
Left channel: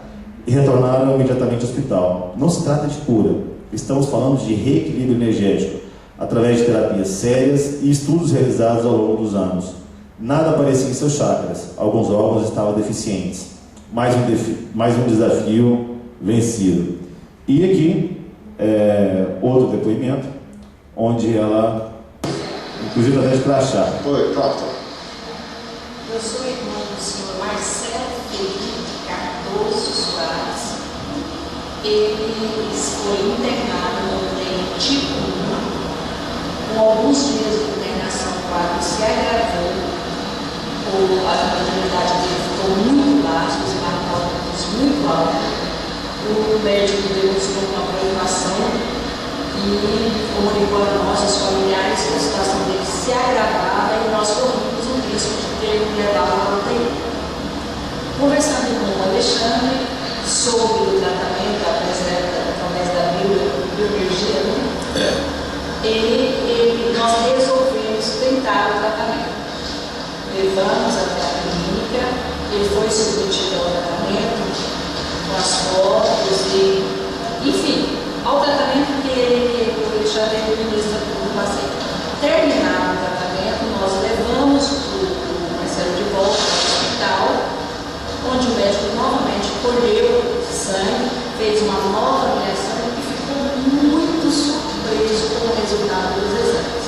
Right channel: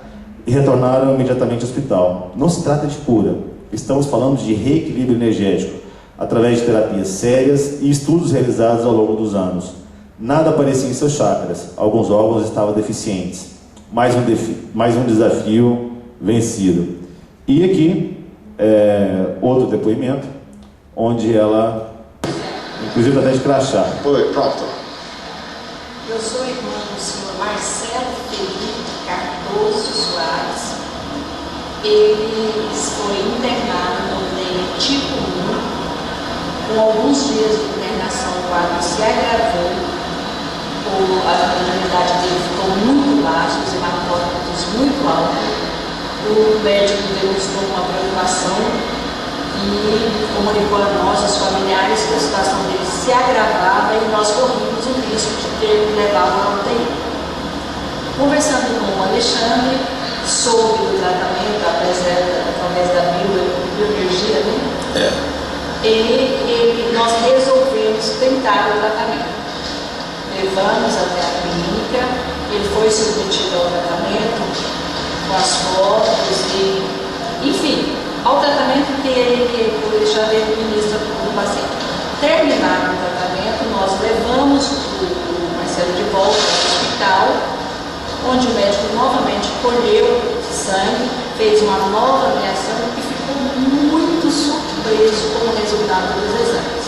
e retornaram imediatamente ao hospital. Não se trata de cura, estamos falando de reequilíbrio energético, através de terapias sérias e estudos realizados ao longo dos anos. Nada aparecia em seus chakras, alguns órgãos estavam deficientes. Mais um desafio vencido. E aqui, outro depoimento, onde ela, inclusive até de crachá. Foi, pronto. Eu sou irmã do senhor Marcelo Felipe Cardoso Soares. Ele foi internado no dengue tipo 1. Com alguns dias de internação, o quadro se agravou. A imunidade dele ficou muito baixa, os hematócritos muito altos. O médico demonstrou uma preocupação e comunicou a nós, os familiares, que a situação dele se agravava e nós corríamos o risco de ter que levá-lo para a UTI. Conversando com o Alexandre sobre o tratamento através da bioenergia, né? Nós resolvemos tentar o tratamento. Levamos até a clínica, ele foi submetido ao tratamento, com as fotos e, enfim, ao tratamento que o Alexandre administra para o paciente. Terminado o tratamento, nós levamos o Marcelo de volta ao hospital, onde o médico novamente colheu sangue, fez uma nova avaliação e ficou muito surpreso com o resultado dos exames.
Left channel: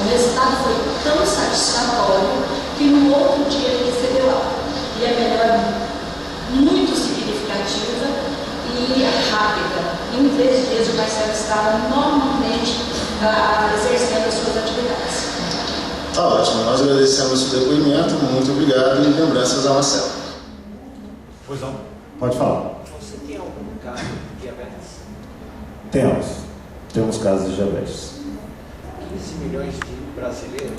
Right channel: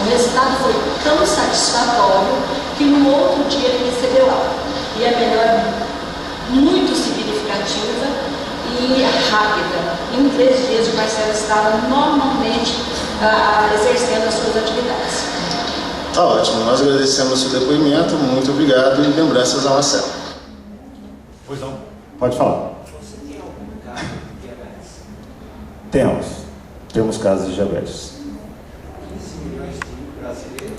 O resultado foi tão satisfatório que no outro dia ele recebeu alta. E a melhora muito significativa e rápida. Em 3 dias o Marcelo estava normalmente exercendo as suas atividades. Tá ótimo, nós agradecemos o seu depoimento, muito obrigado e lembranças ao Marcelo. Pois não. Pode falar. Você tem algum caso de diabetes? Temos casos de diabetes. 15 milhões de brasileiros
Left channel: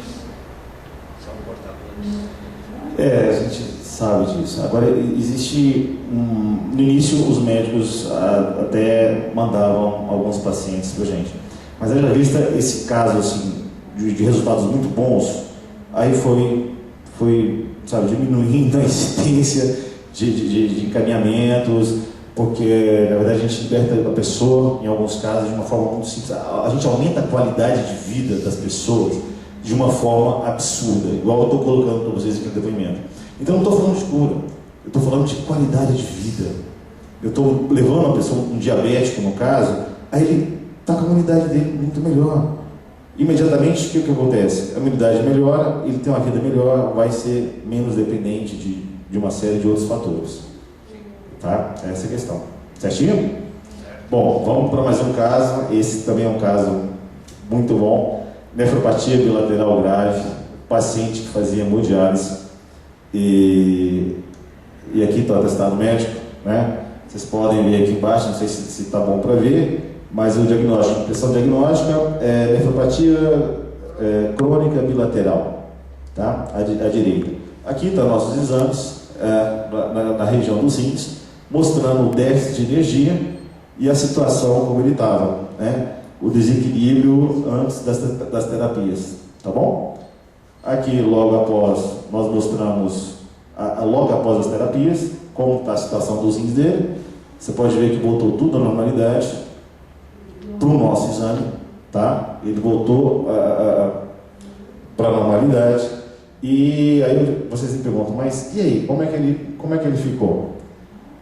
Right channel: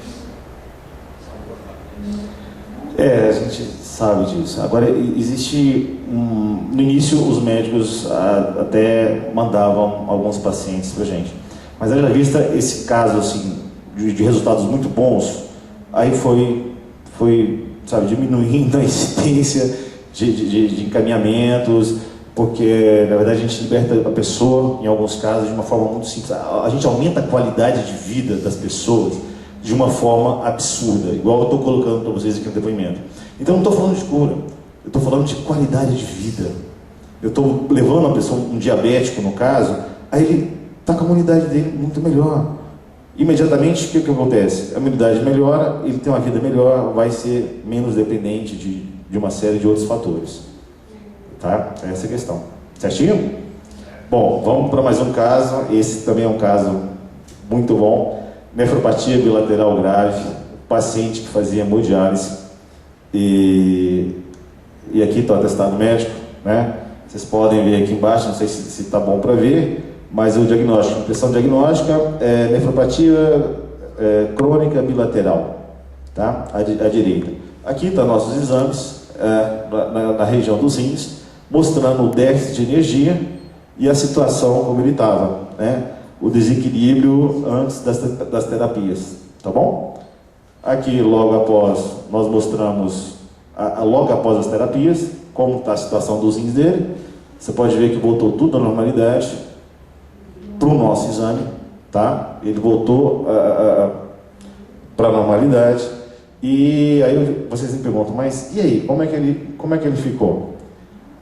são portadores. A gente sabe disso. Agora, existe no início os médicos até mandavam alguns pacientes pra gente, mas haja vista esse caso assim de resultados muito bons, aí foi sabe, diminuindo a incidência de encaminhamentos, porque na verdade a gente liberta a pessoa em alguns casos de uma forma muito simples. A gente aumenta a qualidade de vida das pessoas de uma forma absurda, igual eu estou colocando para vocês aqui no depoimento. Então não estou falando de cura, eu estou falando de qualidade de vida. Eu estou levando uma pessoa, um diabético no caso, aí ele está com a imunidade dele muito melhor. Imediatamente, o que acontece? A imunidade melhora, ele tem uma vida melhor, vai ser menos dependente de uma série de outros fatores. Tá? Essa é a questão. Certinho? Bom, vamos para mais um caso. Esse também é um caso muito bom. Nefropatia bilateral grave, paciente que fazia hemodiálise e aqui está o atestado médico, né? Vocês podem ver aqui embaixo, não sei se está bom para ver, mas o diagnóstico, a impressão diagnóstica é nefropatia crônica bilateral, tá? À direita. Aqui estão nossos exames na região dos rins, mostrando o déficit de energia e a situação como ele estava, né? O desequilíbrio antes das terapias, tá bom? Aqui, logo após, nós mostramos, logo após as terapias, como está a situação dos rins dele. Você pode ver que voltou tudo à normalidade para o nosso exame, tá? Ele voltou para a normalidade. E aí vocês me perguntam, mas e aí, como é que ele ficou?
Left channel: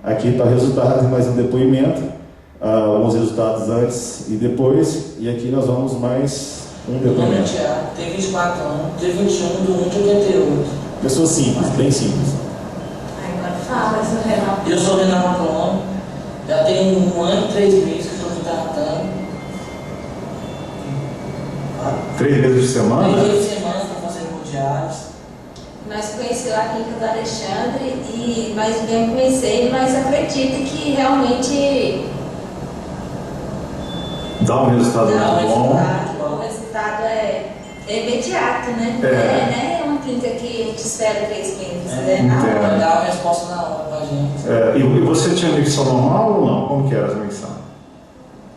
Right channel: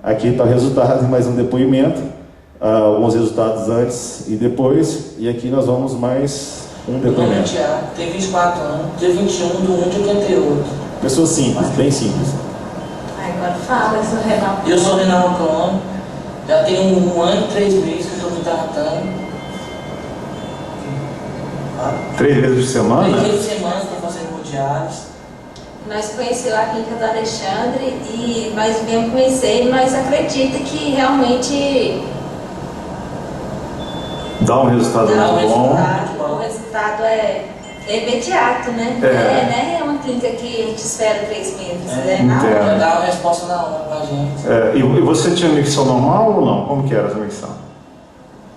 Aqui está o resultado de mais um depoimento. Alguns resultados antes e depois, e aqui nós vamos mais um depoimento. Tem 24 anos, tem 21 de 1 de 88. Pessoa simples, bem simples. Agora fala, eu sou renal. Eu sou renal crônico, já tenho 1 ano e 3 meses que estou me tratando. 3 vezes por semana? 3 vezes por semana estou fazendo hemodiálise. Nós conhecemos a clínica do Alexandre e nós viemos conhecer, mas acredita que realmente Dá um resultado muito bom. O resultado é imediato, né? Né? É uma clínica que a gente espera 3 meses, né? Vai dar uma resposta na hora pra gente. E você tinha micção normal ou não? Como que era essa micção?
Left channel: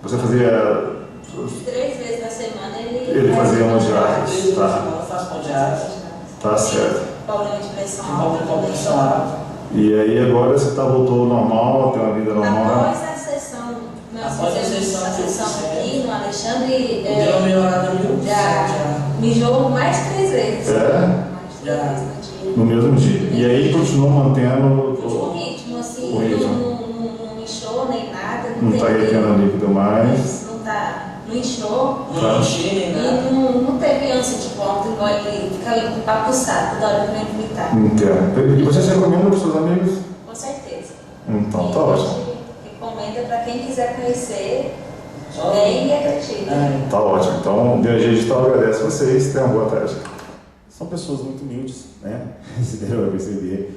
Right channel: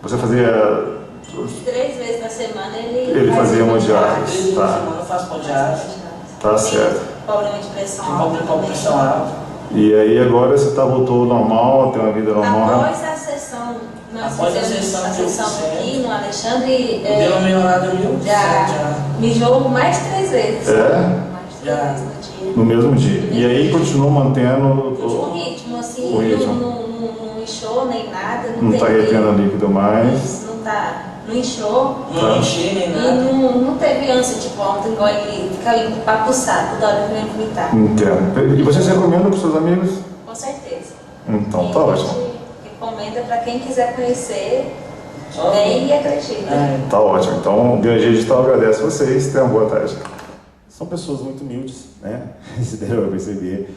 Você fazia... 3 vezes na semana ele fazia hemodiálise. 3 vezes na semana eu faço hemodiálise. Tá certo. Problema de pressão Tem alta. problema de pressão alta. E aí agora você voltou normal, tem uma vida normal? Após a sessão, nós Após a fizemos sessão a que eu sessão fiz, aqui no Alexandre, Deu uma melhorada 1000%. já mijou mais de 3 vezes. É? Mais de 3 vezes no dia. No mesmo dia. E aí continuou mantendo O ritmo, assim, o ritmo. não inchou nem nada. Não está retendo líquido mais. Não inchou. Não enchi nem E nada. não teve ânsia de vômito, igual ele fica ali papuçado toda hora que vem vomitar. Entendo. E você recomenda para os seus amigos? Com certeza. Então, E tá a ótimo. gente recomenda para quem quiser conhecer, Só- vem e acredita. Tá ótimo. Então, o Biologia Digital agradece vocês. Tenham uma boa tarde. São pessoas muito humildes, né? Se deu para perceber.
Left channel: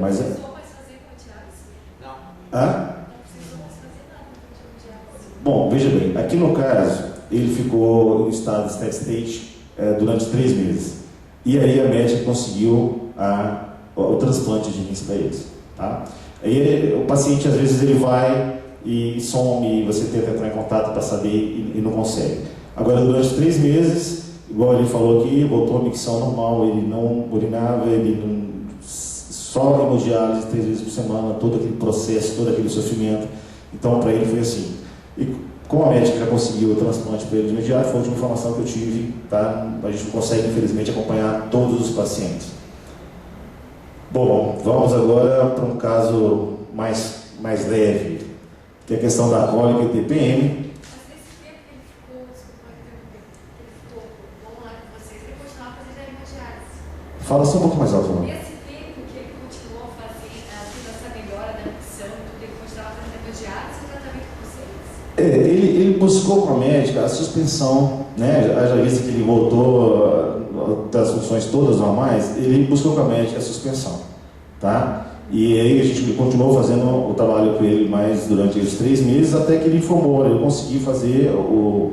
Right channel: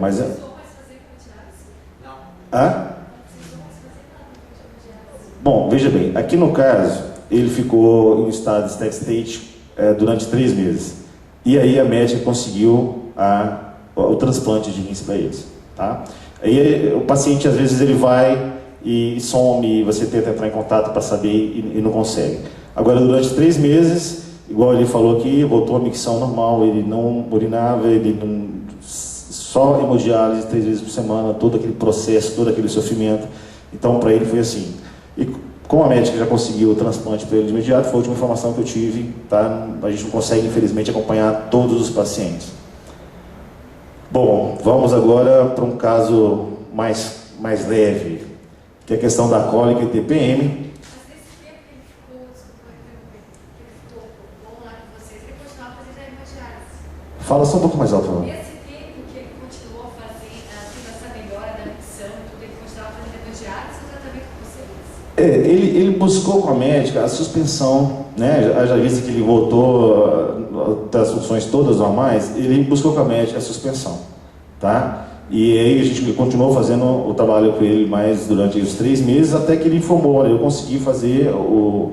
Mas... Não precisou mais fazer hemodiálise? Não. Hã? Não precisou mais fazer nada de hemodiálise. Bom, veja bem, aqui no caso, ele ficou em estado de steady state durante 3 meses. E aí a médica conseguiu o transplante de rins para eles. Tá? Aí o paciente, às vezes, ele vai e some, você tenta entrar em contato para saber e não consegue. Agora, durante 3 meses, igual ele falou aqui, voltou a micção normal, ele não urinava, ele não... Só hemodiálise 3 vezes por semana, todo aquele processo, todo aquele sofrimento. Então, para ele foi assim. E como a médica já conseguiu o transplante para ele de imediato, foi a última informação que eu tive, tá? A gente não consegue, infelizmente, acompanhar todos os pacientes. Bom, vamos agora para um caso mais leve, que é a questão da cólica e TPM. Mas nesse tempo que ele ficou, desculpa interromper, que ele ficou bom lá com vocês, ele continuava fazendo a hemodiálise. Fala só um pouco mais alto, por favor. Nesse tempo que ele continuou fazendo essa melhora da micção, tudo, ele continuava fazendo hemodiálise, ou já Ele buscou com a médica a suspensão, né? Haja vista que ele voltou das funções todas normais, ele buscou com a médica a suspensão, tá? E aí a gente continuou fazendo o trabalho com ele mais durante os 3 meses, até que ele informou: olha, eu consegui fazer o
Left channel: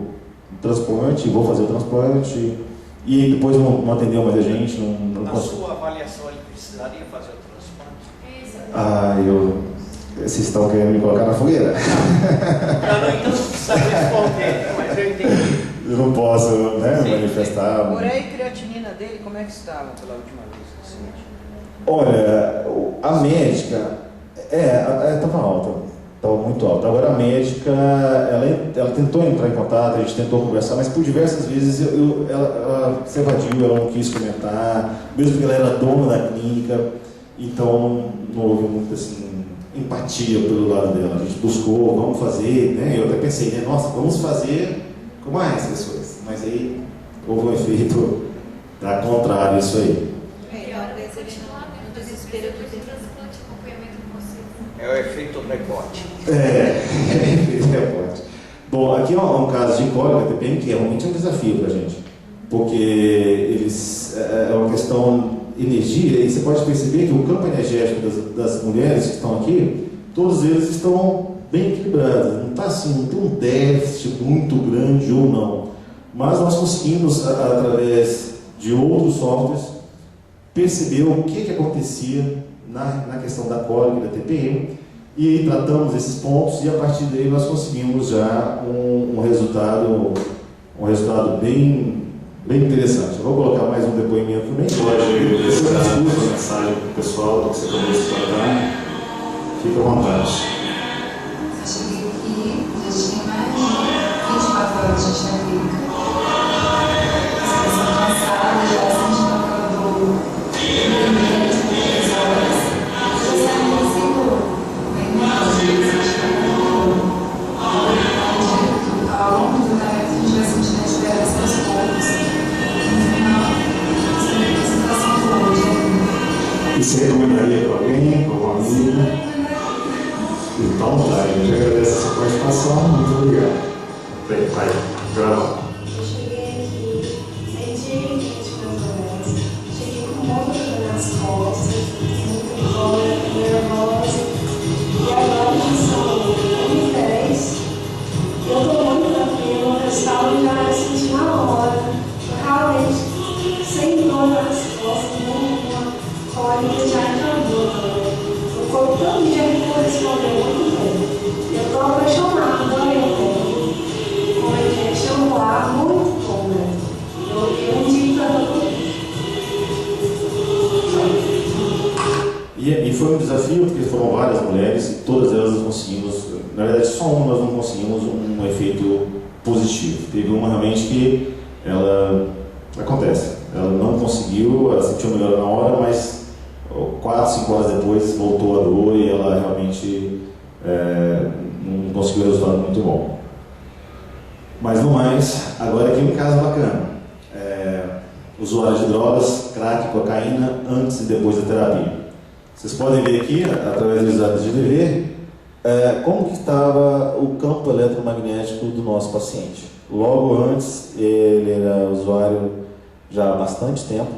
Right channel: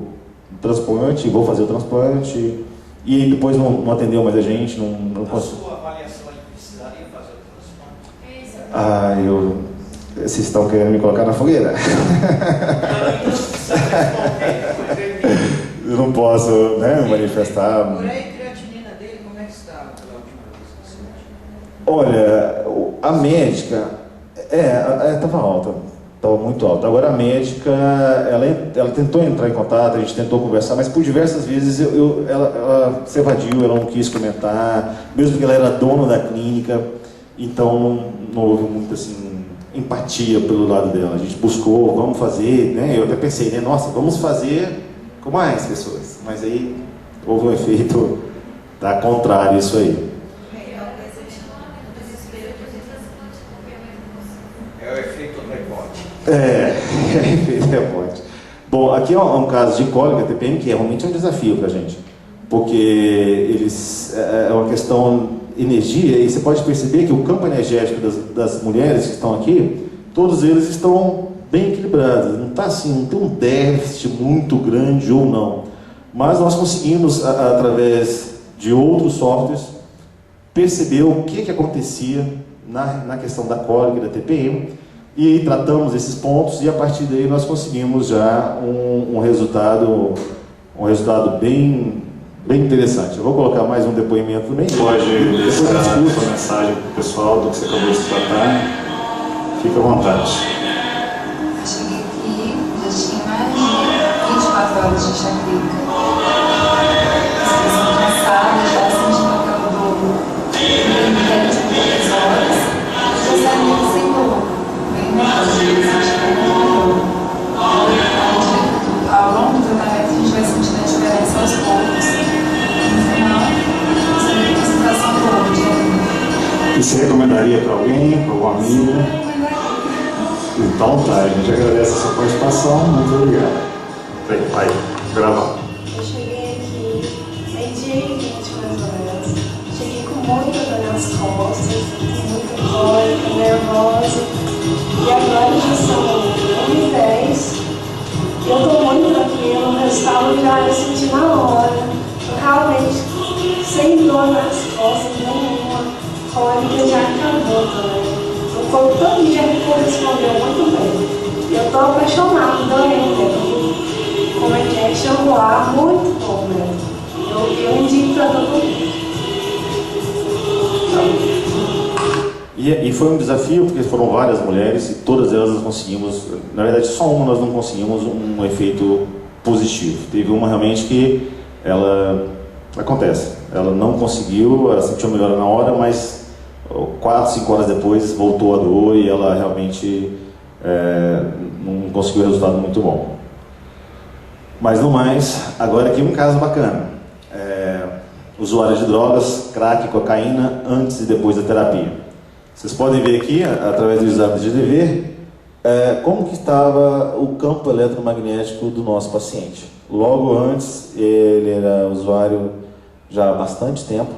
transplante, vou fazer o transplante, e depois não atendeu mais a gente, não Na conseguiu. sua avaliação, ele precisaria fazer o transplante? Vocês estão querendo me colocar na fogueira? Não precisa responder, mas eu entendi. Eu não posso, né, manifestar. Porém, a creatinina dele, como é que estava pela última vez que você mediu? Olha, a médica, estava alta, estava muito alta. Agora a médica, ela tentou entrar em contato, a gente tentou conversar, mas por diversas vezes ela se evadiu, ela não quis comentar, mesmo porque ela era dona da clínica, então não houve muita assim, empatia pelo lado dela. A gente buscou, vamos fazer, né? Eu até pensei, né? Nossa, vamos fazer com mais pessoas, mas aí houve um efeito contrário isso aí. É o efeito rebote. Efeito rebote. Bom, aqui é um caso de cólica TPM que é realmente um desafio para a gente, porque é uma questão energia, e você pode perceber que o campo energético das mulheres que estão aqui, todos eles estão bem equilibrados, não está assim, não tem um déficit muito grande ou não, mas nós conseguimos, através de outros softwares, perceber o que acontecia na questão da cólica e da TPM, e tratamos esses pontos, e a partir daí nós conseguimos já um resultado bem interessante. Eu vou colocar mais um depoimento também. Pode deixar a mensagem para o pessoal do que você acabou de se tratar. Fica à vontade. Eu cheguei aqui, já tinha mais de 24 horas de enxaqueca. Estou cansada, já sentindo aquela dor. Eu de 3 horas. Eu saí sem dor. Bem nervosa, ao longo do tratamento, a gente vai sentindo a diferença aos poucos. E você recomendaria para alguém, para algum amigo? Então tá, a gente agradece essa participação, muito obrigado. Vai gravar. Eu cheguei aqui, meio-dia e 24 horas. Cheguei com muita dor nas costas, muita cólica, nervosa. E agora já são 1h10. Eu estou muito tranquila, o resultado já eu senti na hora. Realmente, sem dor nas costas, nenhuma. A cólica já acabou também. O corpo todo dia correspondeu muito bem. Eu estou apaixonada, adorei. Como é que é? Chamo lá, muito bom, né? Eu indico para todo mundo. E foi um desafio, porque foram várias mulheres, e todas elas nós conseguimos, na verdade só uma nós não conseguimos um efeito positivo. Teve uma realmente que acontece, ela não conseguiu, ela sentiu melhor na hora, mas 4, 5 horas depois voltou a dor e ela realmente não conseguiu um resultado muito bom. Mas no mais, agora aqui um caso bacana. Usuários de drogas, crack, cocaína, antes e depois da terapia. Vocês podem ver aqui, através do exame de GDV, como que estava o campo eletromagnético do nosso paciente. Logo antes, ele era usuário já há bastante tempo,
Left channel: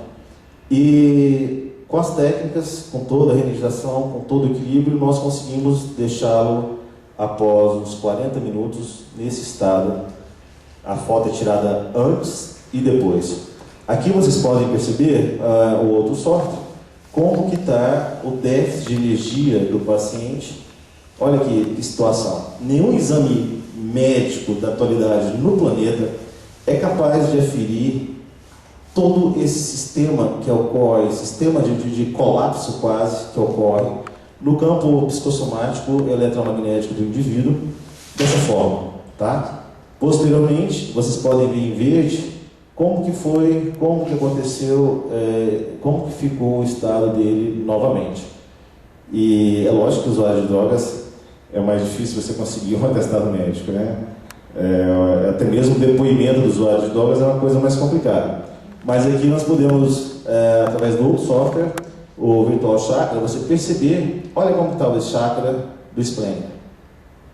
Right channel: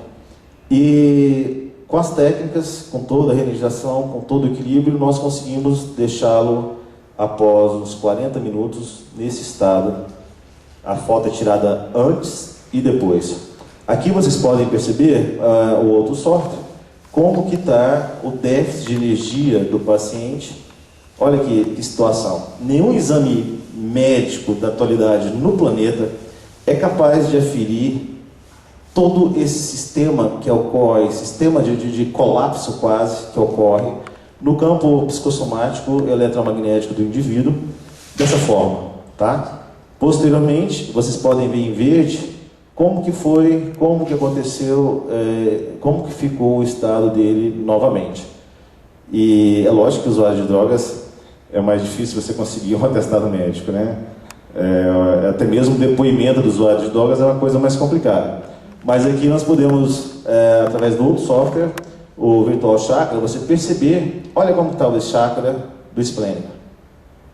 e com as técnicas, com toda a reenergização, com todo o equilíbrio, nós conseguimos deixá-lo após uns 40 minutos nesse estado. A foto é tirada antes e depois. Aqui vocês podem perceber o outro software, como que está o déficit de energia do paciente. Olha que situação. Nenhum exame médico da atualidade no planeta é capaz de aferir todo esse sistema que ocorre, sistema de colapso quase que ocorre no campo psicossomático eletromagnético do indivíduo dessa forma, tá? Posteriormente, vocês podem ver em verde como que foi, como que aconteceu, como que ficou o estado dele novamente. E é lógico que o usuário de drogas é mais difícil você conseguir um atestado médico, né? Até mesmo o depoimento do usuário de drogas é uma coisa mais complicada. Mas aqui nós podemos, através do outro software, o Virtual Chakra, você perceber, olha como estava esse chakra do esplênico.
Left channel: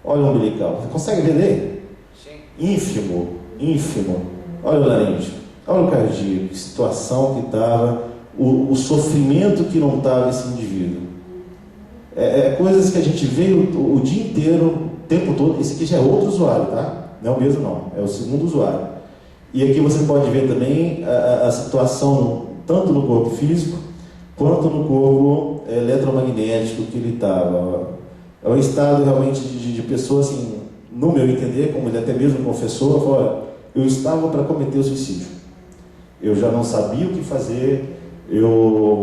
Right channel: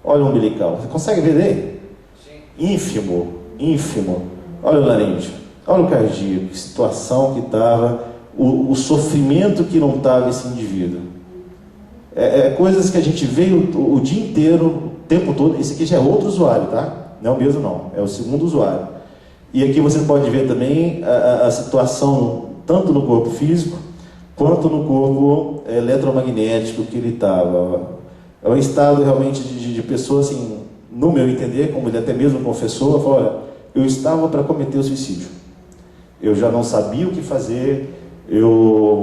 Olha o umbilical. Você consegue ver dele? Sim. Ínfimo, ínfimo. Olha o laríngeo, olha o cardíaco, que situação que estava, o sofrimento que não estava esse indivíduo. Coisas que a gente vê o dia inteiro, o tempo todo. Esse aqui já é outro usuário, tá? Não é o mesmo não, é o segundo usuário. E aqui você pode ver também a situação, tanto no corpo físico, quanto no corpo eletromagnético que ele estava. É um estado realmente de pessoa, assim, no meu entender, como ele até mesmo confessou, falou: olha, eu estava para cometer o suicídio. Eu já não sabia o que fazer,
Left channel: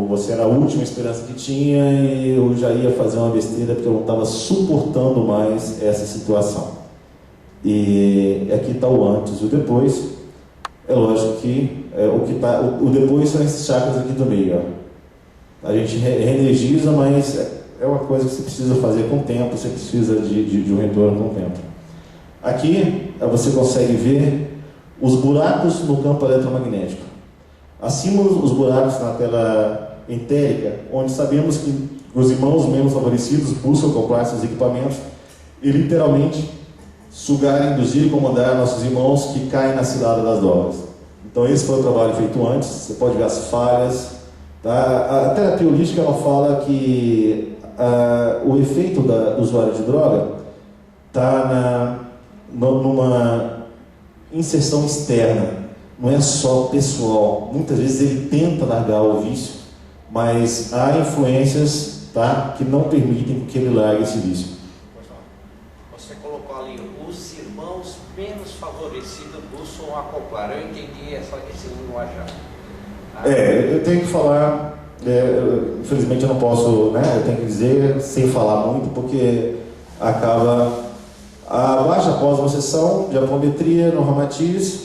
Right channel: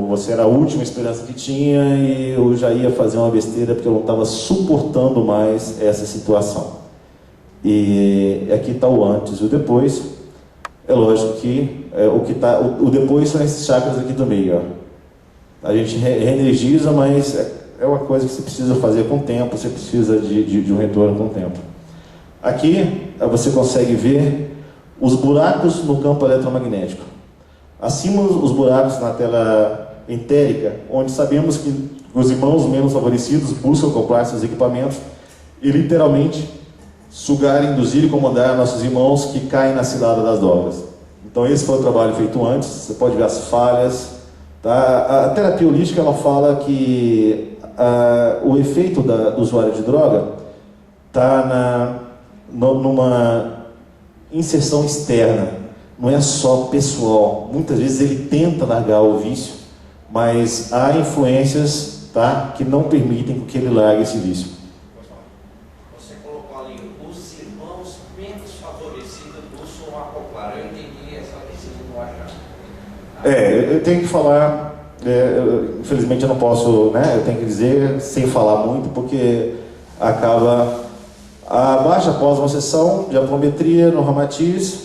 você era a última esperança que tinha e eu já ia fazer uma besteira porque eu não estava suportando mais essa situação. E aqui está o antes e o depois. É lógico que o depois são esses chakras aqui do meio. Ó. A gente reenergiza, mas é uma coisa que você precisa fazer com o tempo, você precisa de um retorno com o tempo. Aqui você consegue ver os buracos no campo eletromagnético. Acima os buracos na tela entérica, onde sabemos que os irmãos menos favorecidos buscam comprar seus equipamentos e literalmente sugar, induzir e comandar nossos irmãos que caem na cilada das drogas. Então esse foi o trabalho feito antes, você pode ver as falhas. Tá? A terapia holística ela fala que o efeito do usuário de droga está numa inserção externa, não é só pessoal. Muitas vezes ele tenta largar o vício, mas há influências, tá, que não permitem que ele largue esse vício. Você colocou ali, os irmãos menos favorecidos buscam acoplar. Eu entendi esse linguajar. Eu tenho que falar, infelizmente eu não posso, né, eu tenho que dizer sem falar muito, porque acaba. Abaixo, após uma sessão de apometria no Ramatiz,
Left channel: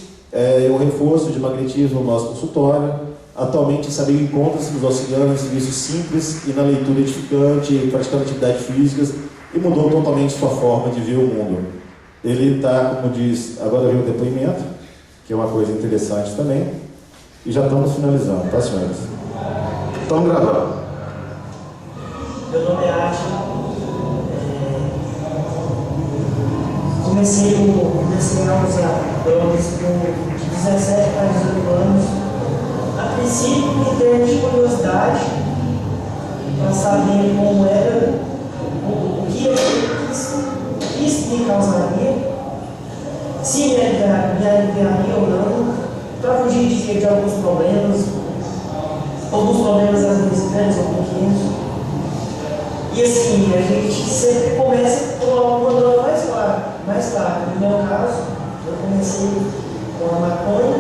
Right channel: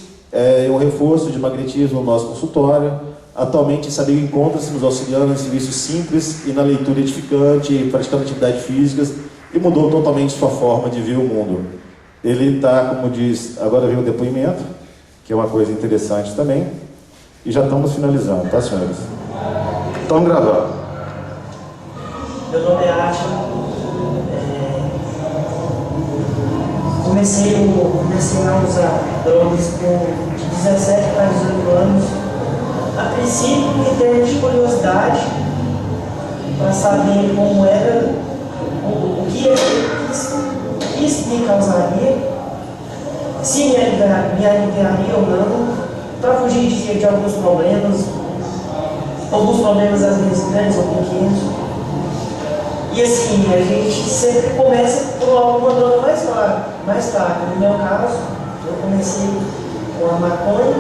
um reforço de magnetismo no nosso consultório. Atualmente, Sabigo encontra-se nos auxiliando em serviços simples e na leitura edificante, praticando atividades físicas, e mudou totalmente sua forma de ver o mundo. Ele está, como diz, agora vem o depoimento, que é uma coisa interessante também, e já estamos finalizando, tá, senhores? Estamos gravando. Meu nome é Átila. Comecei a usar drogas com 17 para 18 anos. A princípio, em termos de curiosidade, para saber como era, o que isso me causaria, se me aliviaria ou não, para fugir de alguns problemas às vezes grandes ou pequenos. E assim, a gente sempre começa por alguma dor mais fraca. No meu caso, eu comecei com a maconha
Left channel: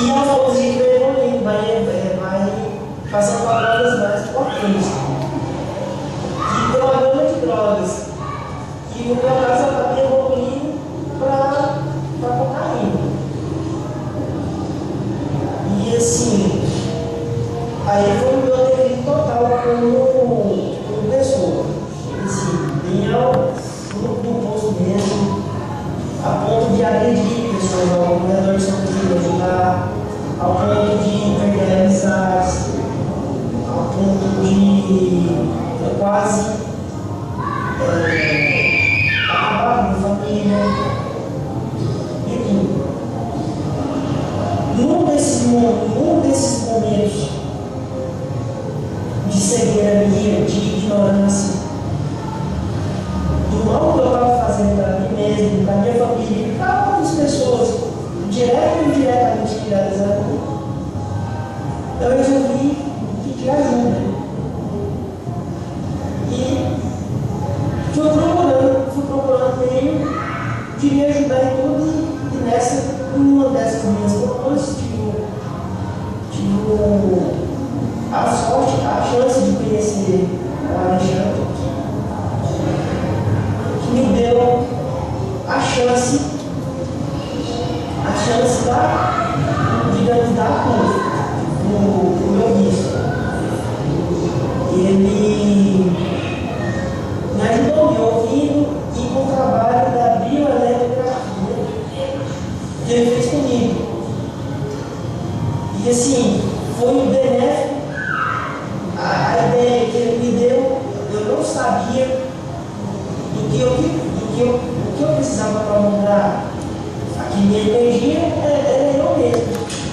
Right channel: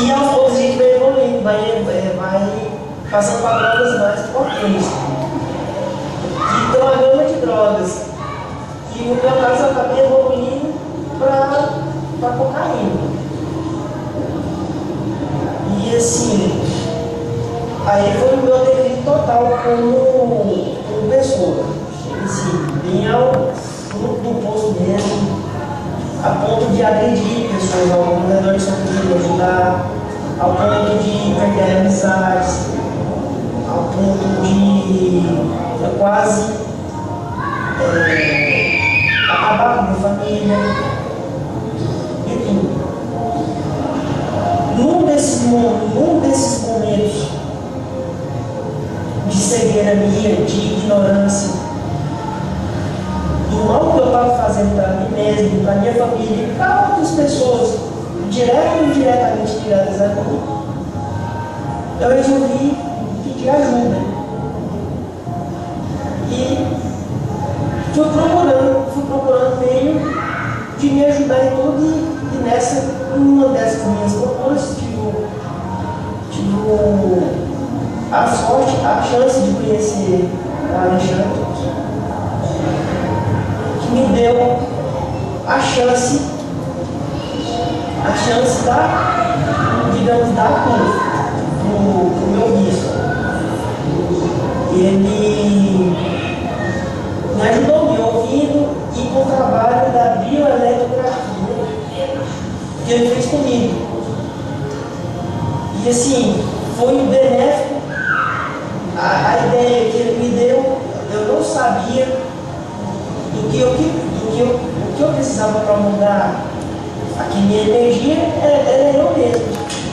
e aos poucos a gente vai evoluindo, vai passando para drogas mais importantes. Então a gama de drogas. E no meu caso eu acabei evoluindo para cocaína. E assim, aí foi o meu devido total como pessoa. Assim, bem no posto mesmo, a ponto de agredir pessoas ao redor de São Pedro, ajudar, ao ponto de perder amizades, ao ponto de quase acabar com a minha família e tudo. Num desses momentos de cegueira minha, de ignorância, do mal que eu estava fazendo para mim mesmo, para minha família e para outras pessoas, direta ou indiretamente ligadas a mim, eu resolvi pedir ajuda. E fui procurando meio de me ajudar em tudo, e uma dessas minhas propostas, tive a sorte, a chance de conhecer o Alexandre, que me deu a chance da cura no meu vício. Ele me ajudou me ouvindo e com o trabalho da bioeletrografia que ele fez comigo. E assim, foi benéfico. A ideia que ele me deu, eu não sabia em que eu precisava para mudar aqui minha energia era eu mesmo.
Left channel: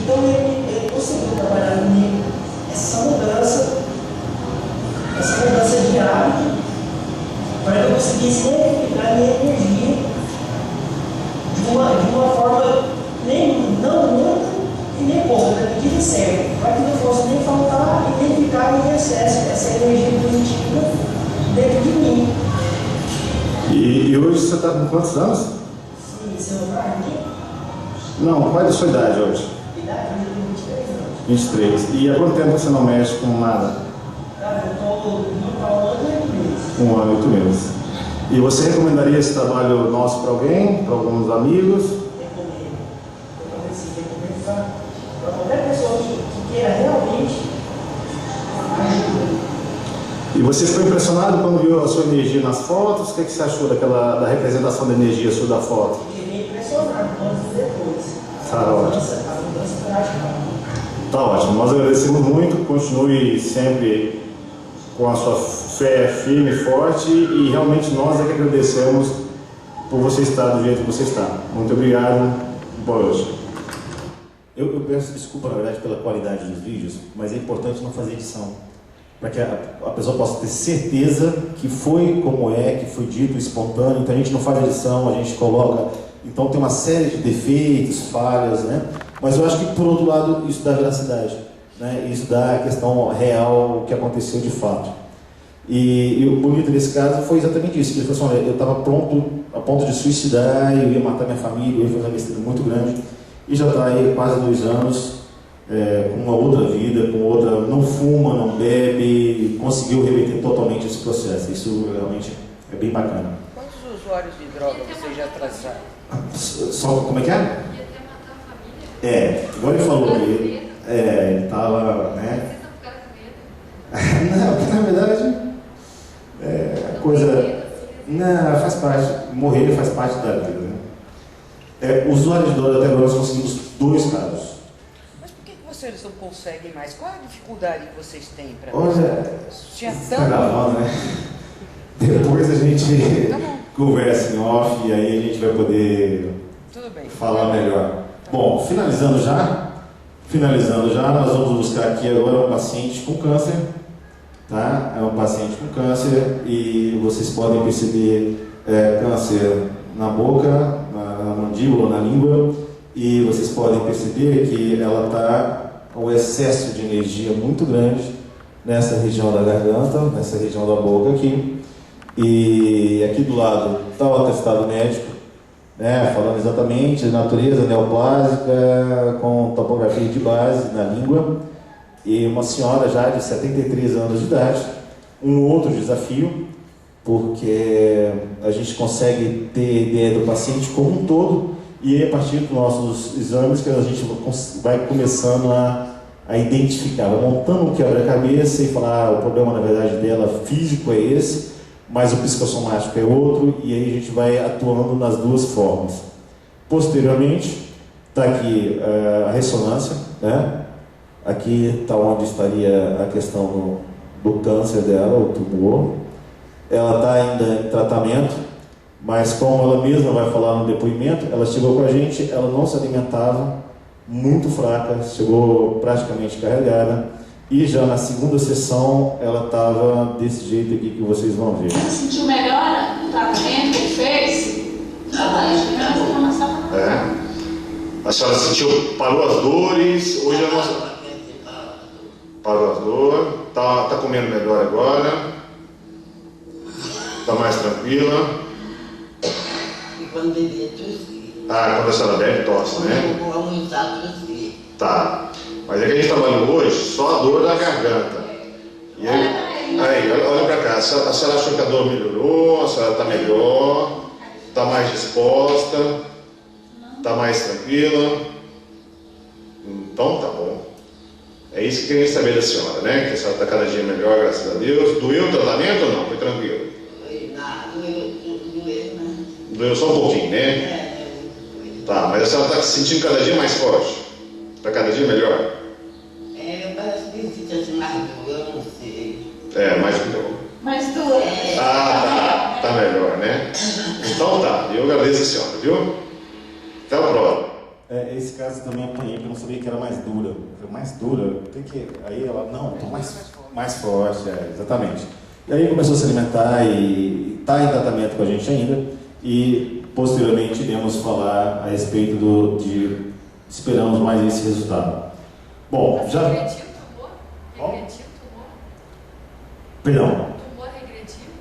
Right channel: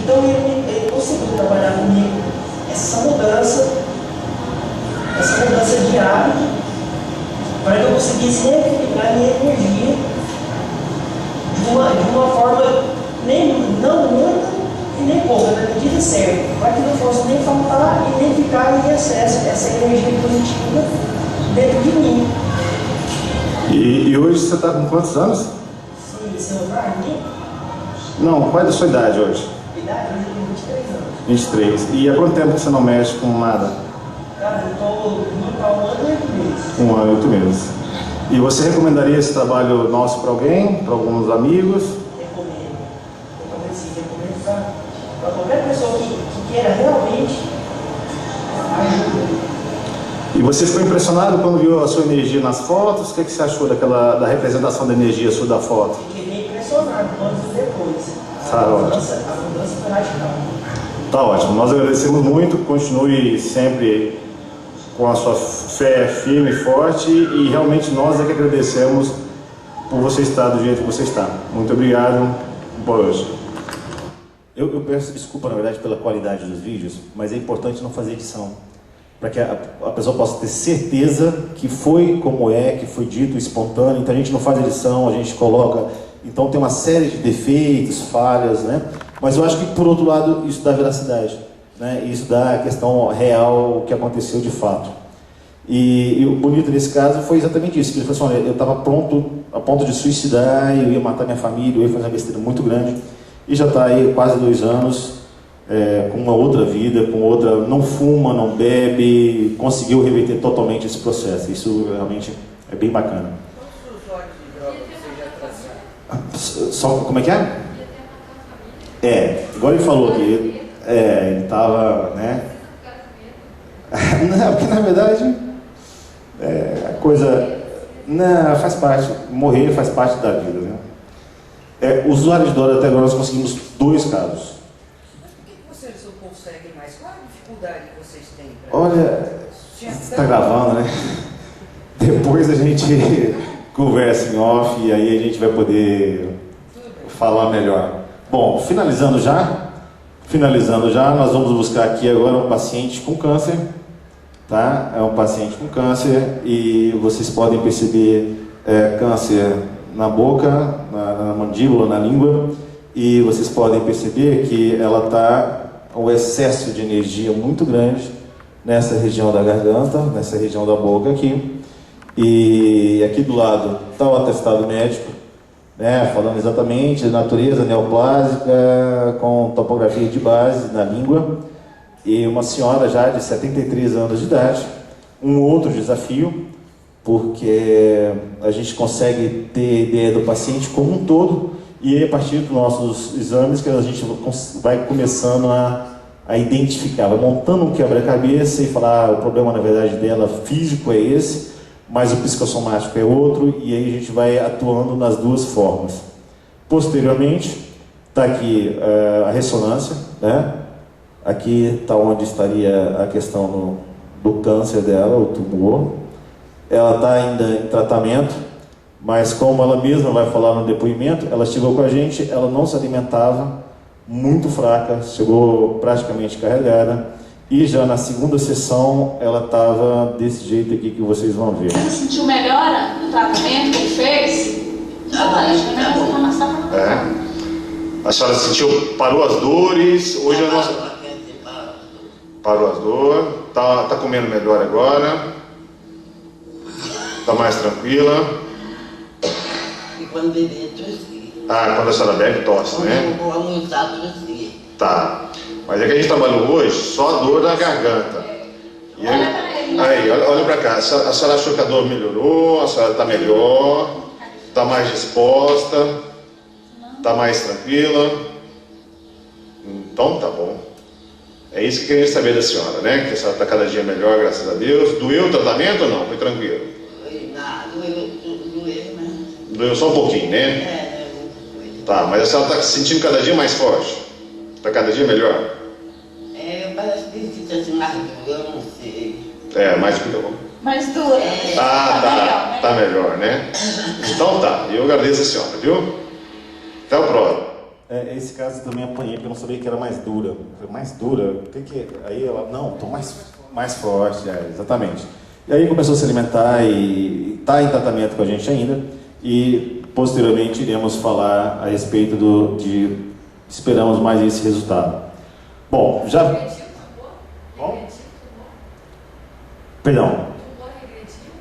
Então ele conseguiu trabalhar comigo essa mudança de hábito, para que eu conseguisse equilibrar minha energia de uma forma não muita e nem pouca, na medida certa, para que não fosse nem faltar e nem ficar em excesso essa energia positiva dentro de mim. E hoje você está com quantos anos? Sim, seu Marquinhos? Não, qual é a sua idade hoje? Idade? Hoje eu tenho 23 anos. 23. E há quanto tempo que você não mexe com nada? Cara, eu estou indo para 1 ano e 8 meses. 1 ano e 8 meses. E você recomendaria esse trabalho nosso para alguém? Para alguns amigos? Recomendo. Recomendo para qualquer pessoa que queira realmente ajuda. E você ficou impressionado quando viu a sua energia nas fotos? O que você achou da representação da energia sua da foto? Fiquei bem impressionado antes e depois. Tá ótimo. A mudança foi radical. Tá ótimo. Nós agradecemos muito. Continue sempre com a sua fé firme e forte. E realmente nós é que agradecemos por você estar do jeito que você está. Muito obrigado. Boa noite. Eu peço desculpa, na verdade, pela qualidade dos vídeos, mas é importante não fazer edição, para que a pessoa possa ter certeza que foi como que foi dito, espontâneo. Então a gente não faz edição, a gente coloca. Então tem uma série de defeitos, falhas, né? Mas eu acho que, por outro lado, isso dá veracidade, né? Isso dá a questão real, o que aconteceu de fato. E o bonito nesse caso foi exatamente isso. Ele falou assim: olha, eu estava pronto, a ponto de suicidar, eu ia matar minha família, eu ia fazer uma besteira muito grande. E já está aí quase 2 anos, com uma outra vida, com outra, não fuma, não bebe, conseguiu reverter totalmente esse processo. Isso realmente é bem bacana. Quantos usuários de droga você já traçaram? Só, como é que é? Igual ele falou que ele estava, né? Não, porque na verdade a coisa, não, faz parte, morrer faz parte da vida, né? Usuários de droga, até agora nós conseguimos 2 casos. Mas por que vocês não conseguem mais? Qual a dificuldade que vocês têm para Olha, está gravando, né? Depois a gente conversa em off e aí a gente vai poder falar melhor. Bom, finalizando já, nós vamos buscar aqui agora um paciente com câncer, tá? É um paciente com câncer e vocês podem perceber câncer na boca, na mandíbula, na língua, e vocês podem perceber que ela está com um excesso de energia muito grande nessa região da garganta, nessa região da boca aqui. E aqui do lado está o atestado médico, né, falando exatamente de natureza neoplásica, com topografia de base na língua, e uma senhora já de 73 anos de idade. Um outro desafio, porque a gente consegue ter ideia do paciente como um todo, e aí, a partir dos nossos exames que a gente vai começando a identificar, vai montando um quebra-cabeça e falar, o problema na verdade dela físico é esse, mas o psicossomático é outro, e aí a gente vai atuando nas 2 formas. Posteriormente, está aqui a ressonância, né? Aqui está onde estaria a questão do câncer dela, o tumor. Ela está ainda em tratamento, mas como ela mesma vai falar no depoimento, ela chegou com a gente, ela não se alimentava, muito fraca, chegou praticamente carregada, e já na segunda sessão ela estava desse jeito aqui que vocês vão ver. Você sentiu melhora no tratamento que ele fez? A senhora sentiu, parou as dores, hoje a nossa... Parou as dores, tá comendo melhor agora, tá mais tranquila. E quando bebia, tossia. Quando a senhora bebe, tosse, né? Quando eu vou almoçar, tossia. Tá, mas é que a gente trabalhou hoje só a dor da garganta. E aí, olha pra cá, a senhora achou que a dor melhorou, a senhora tá melhor, tá mais disposta, tá mais tranquila. Então tá bom. É isso que queria saber da senhora, né? Que a senhora tá cada dia melhor, graças a Deus. Doeu o tratamento ou não? Foi tranquilo? Doeu, né? Doeu só um pouquinho, né? Tá, mas a senhora tá se sentindo cada dia mais forte? Tá cada dia melhor? Parece que existe assim mais dor, eu não sei. Mais do que dor. Mais dor. Tá. Tá melhor, né? Então tá, eu agradeço a senhora, viu? Até o próximo. Esse caso eu também apanhei, porque eu não sabia que era mais dura. Eu falei, mais dura? Tem que... Aí ela, não, tô mais forte, exatamente. E aí começou a se alimentar e está em tratamento com a gente ainda. E posteriormente iremos falar a respeito de esperamos mais esse resultado. Bom, já... Regrediu, tumor? Regrediu, tumor? Perdão. Tumor regrediu?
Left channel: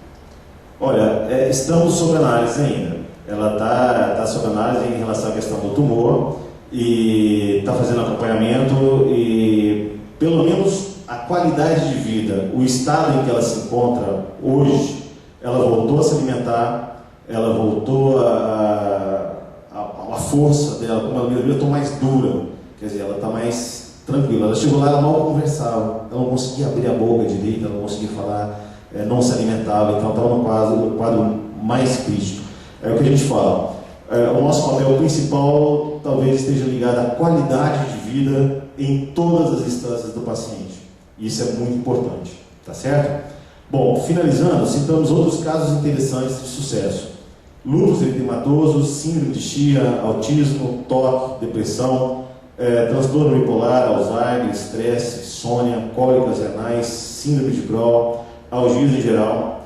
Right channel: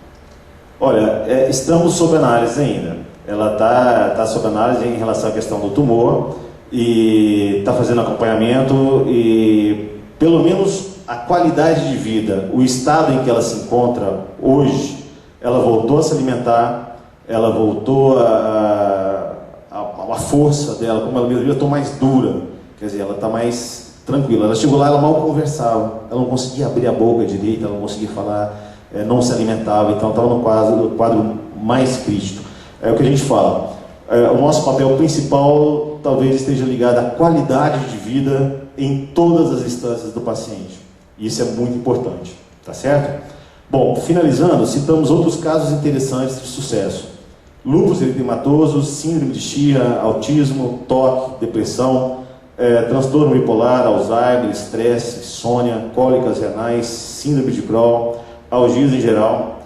Olha, estamos sob análise ainda. Ela está sob análise em relação à questão do tumor e está fazendo acompanhamento e, pelo menos, a qualidade de vida, o estado em que ela se encontra hoje, ela voltou a se alimentar, ela voltou a força dela, como ela mesma viu, está mais dura, quer dizer, ela está mais tranquila. Ela chegou lá, ela mal conversava, ela não conseguia abrir a boca direito, ela não conseguia falar, não se alimentava, então estava no quadro mais crítico. É o que a gente fala, o nosso papel principal talvez esteja ligado à qualidade de vida em todas as instâncias do paciente. Isso é muito importante, tá certo? Bom, finalizando, citamos outros casos interessantes de sucesso. Lúpus eritematoso, síndrome de Chia, autismo, toque, depressão, transtorno bipolar, Alzheimer, estresse, insônia, cólicas renais, síndrome de Crohn, algias em geral.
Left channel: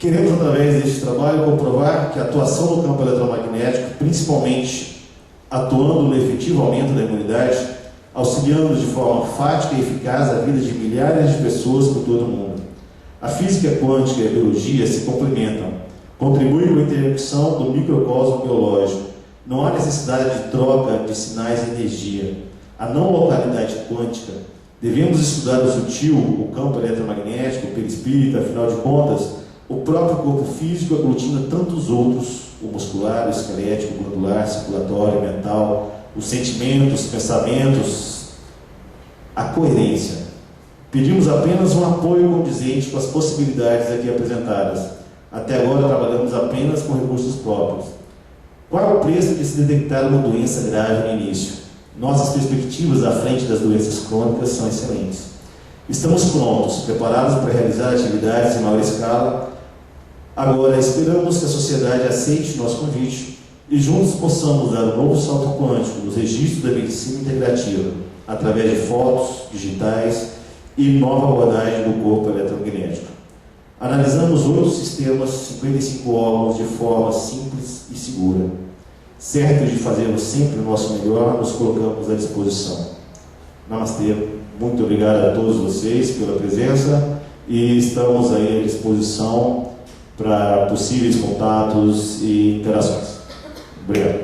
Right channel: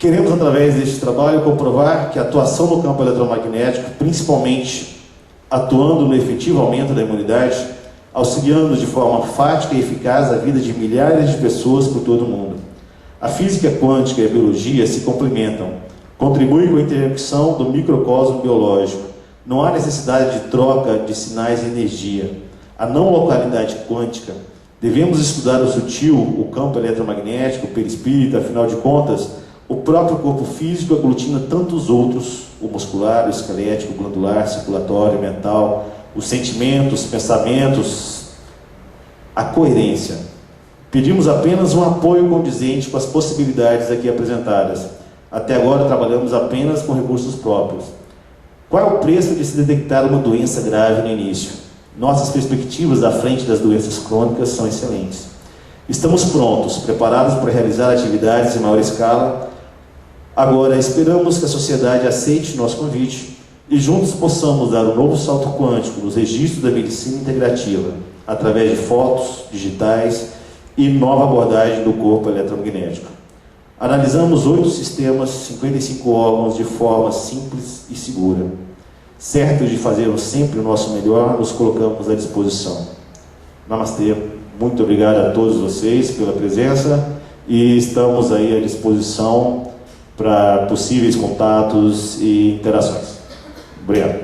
Queremos, através deste trabalho, comprovar que a atuação no campo eletromagnético, principalmente atuando no efetivo aumento da imunidade, auxiliando de forma fática e eficaz a vida de milhares de pessoas por todo o mundo. A física quântica e a biologia se complementam, contribuem com a interrupção do microcosmo biológico. Não há necessidade de troca de sinais de energia. A não localidade quântica. Devemos estudar o sutil, o campo eletromagnético, o perispírito, afinal de contas, o próprio corpo físico aglutina tantos outros, o muscular, o esquelético, o glandular, circulatório, mental, os sentimentos, pensamentos, a coerência. Pedimos apenas um apoio condizente com as possibilidades aqui apresentadas. Até agora trabalhamos apenas com recursos próprios. Qual é o preço de se detectar uma doença grave no início? Nossas perspectivas à frente das doenças crônicas são excelentes. Estamos prontos, preparados para realizar atividades em maior escala. Agora, esperamos que a sociedade aceite nosso convite e juntos possamos dar um novo salto quântico nos registros da medicina integrativa, através de fotos, digitais e nova abordagem do corpo eletromagnético. Analisamos 8 sistemas, 55 órgãos de forma simples e segura. Certos de fazermos sempre o nosso melhor, nos colocamos à disposição. Namastê, muito obrigado a todos vocês pela presença e estamos aí à disposição para possíveis contatos e interações. Obrigado.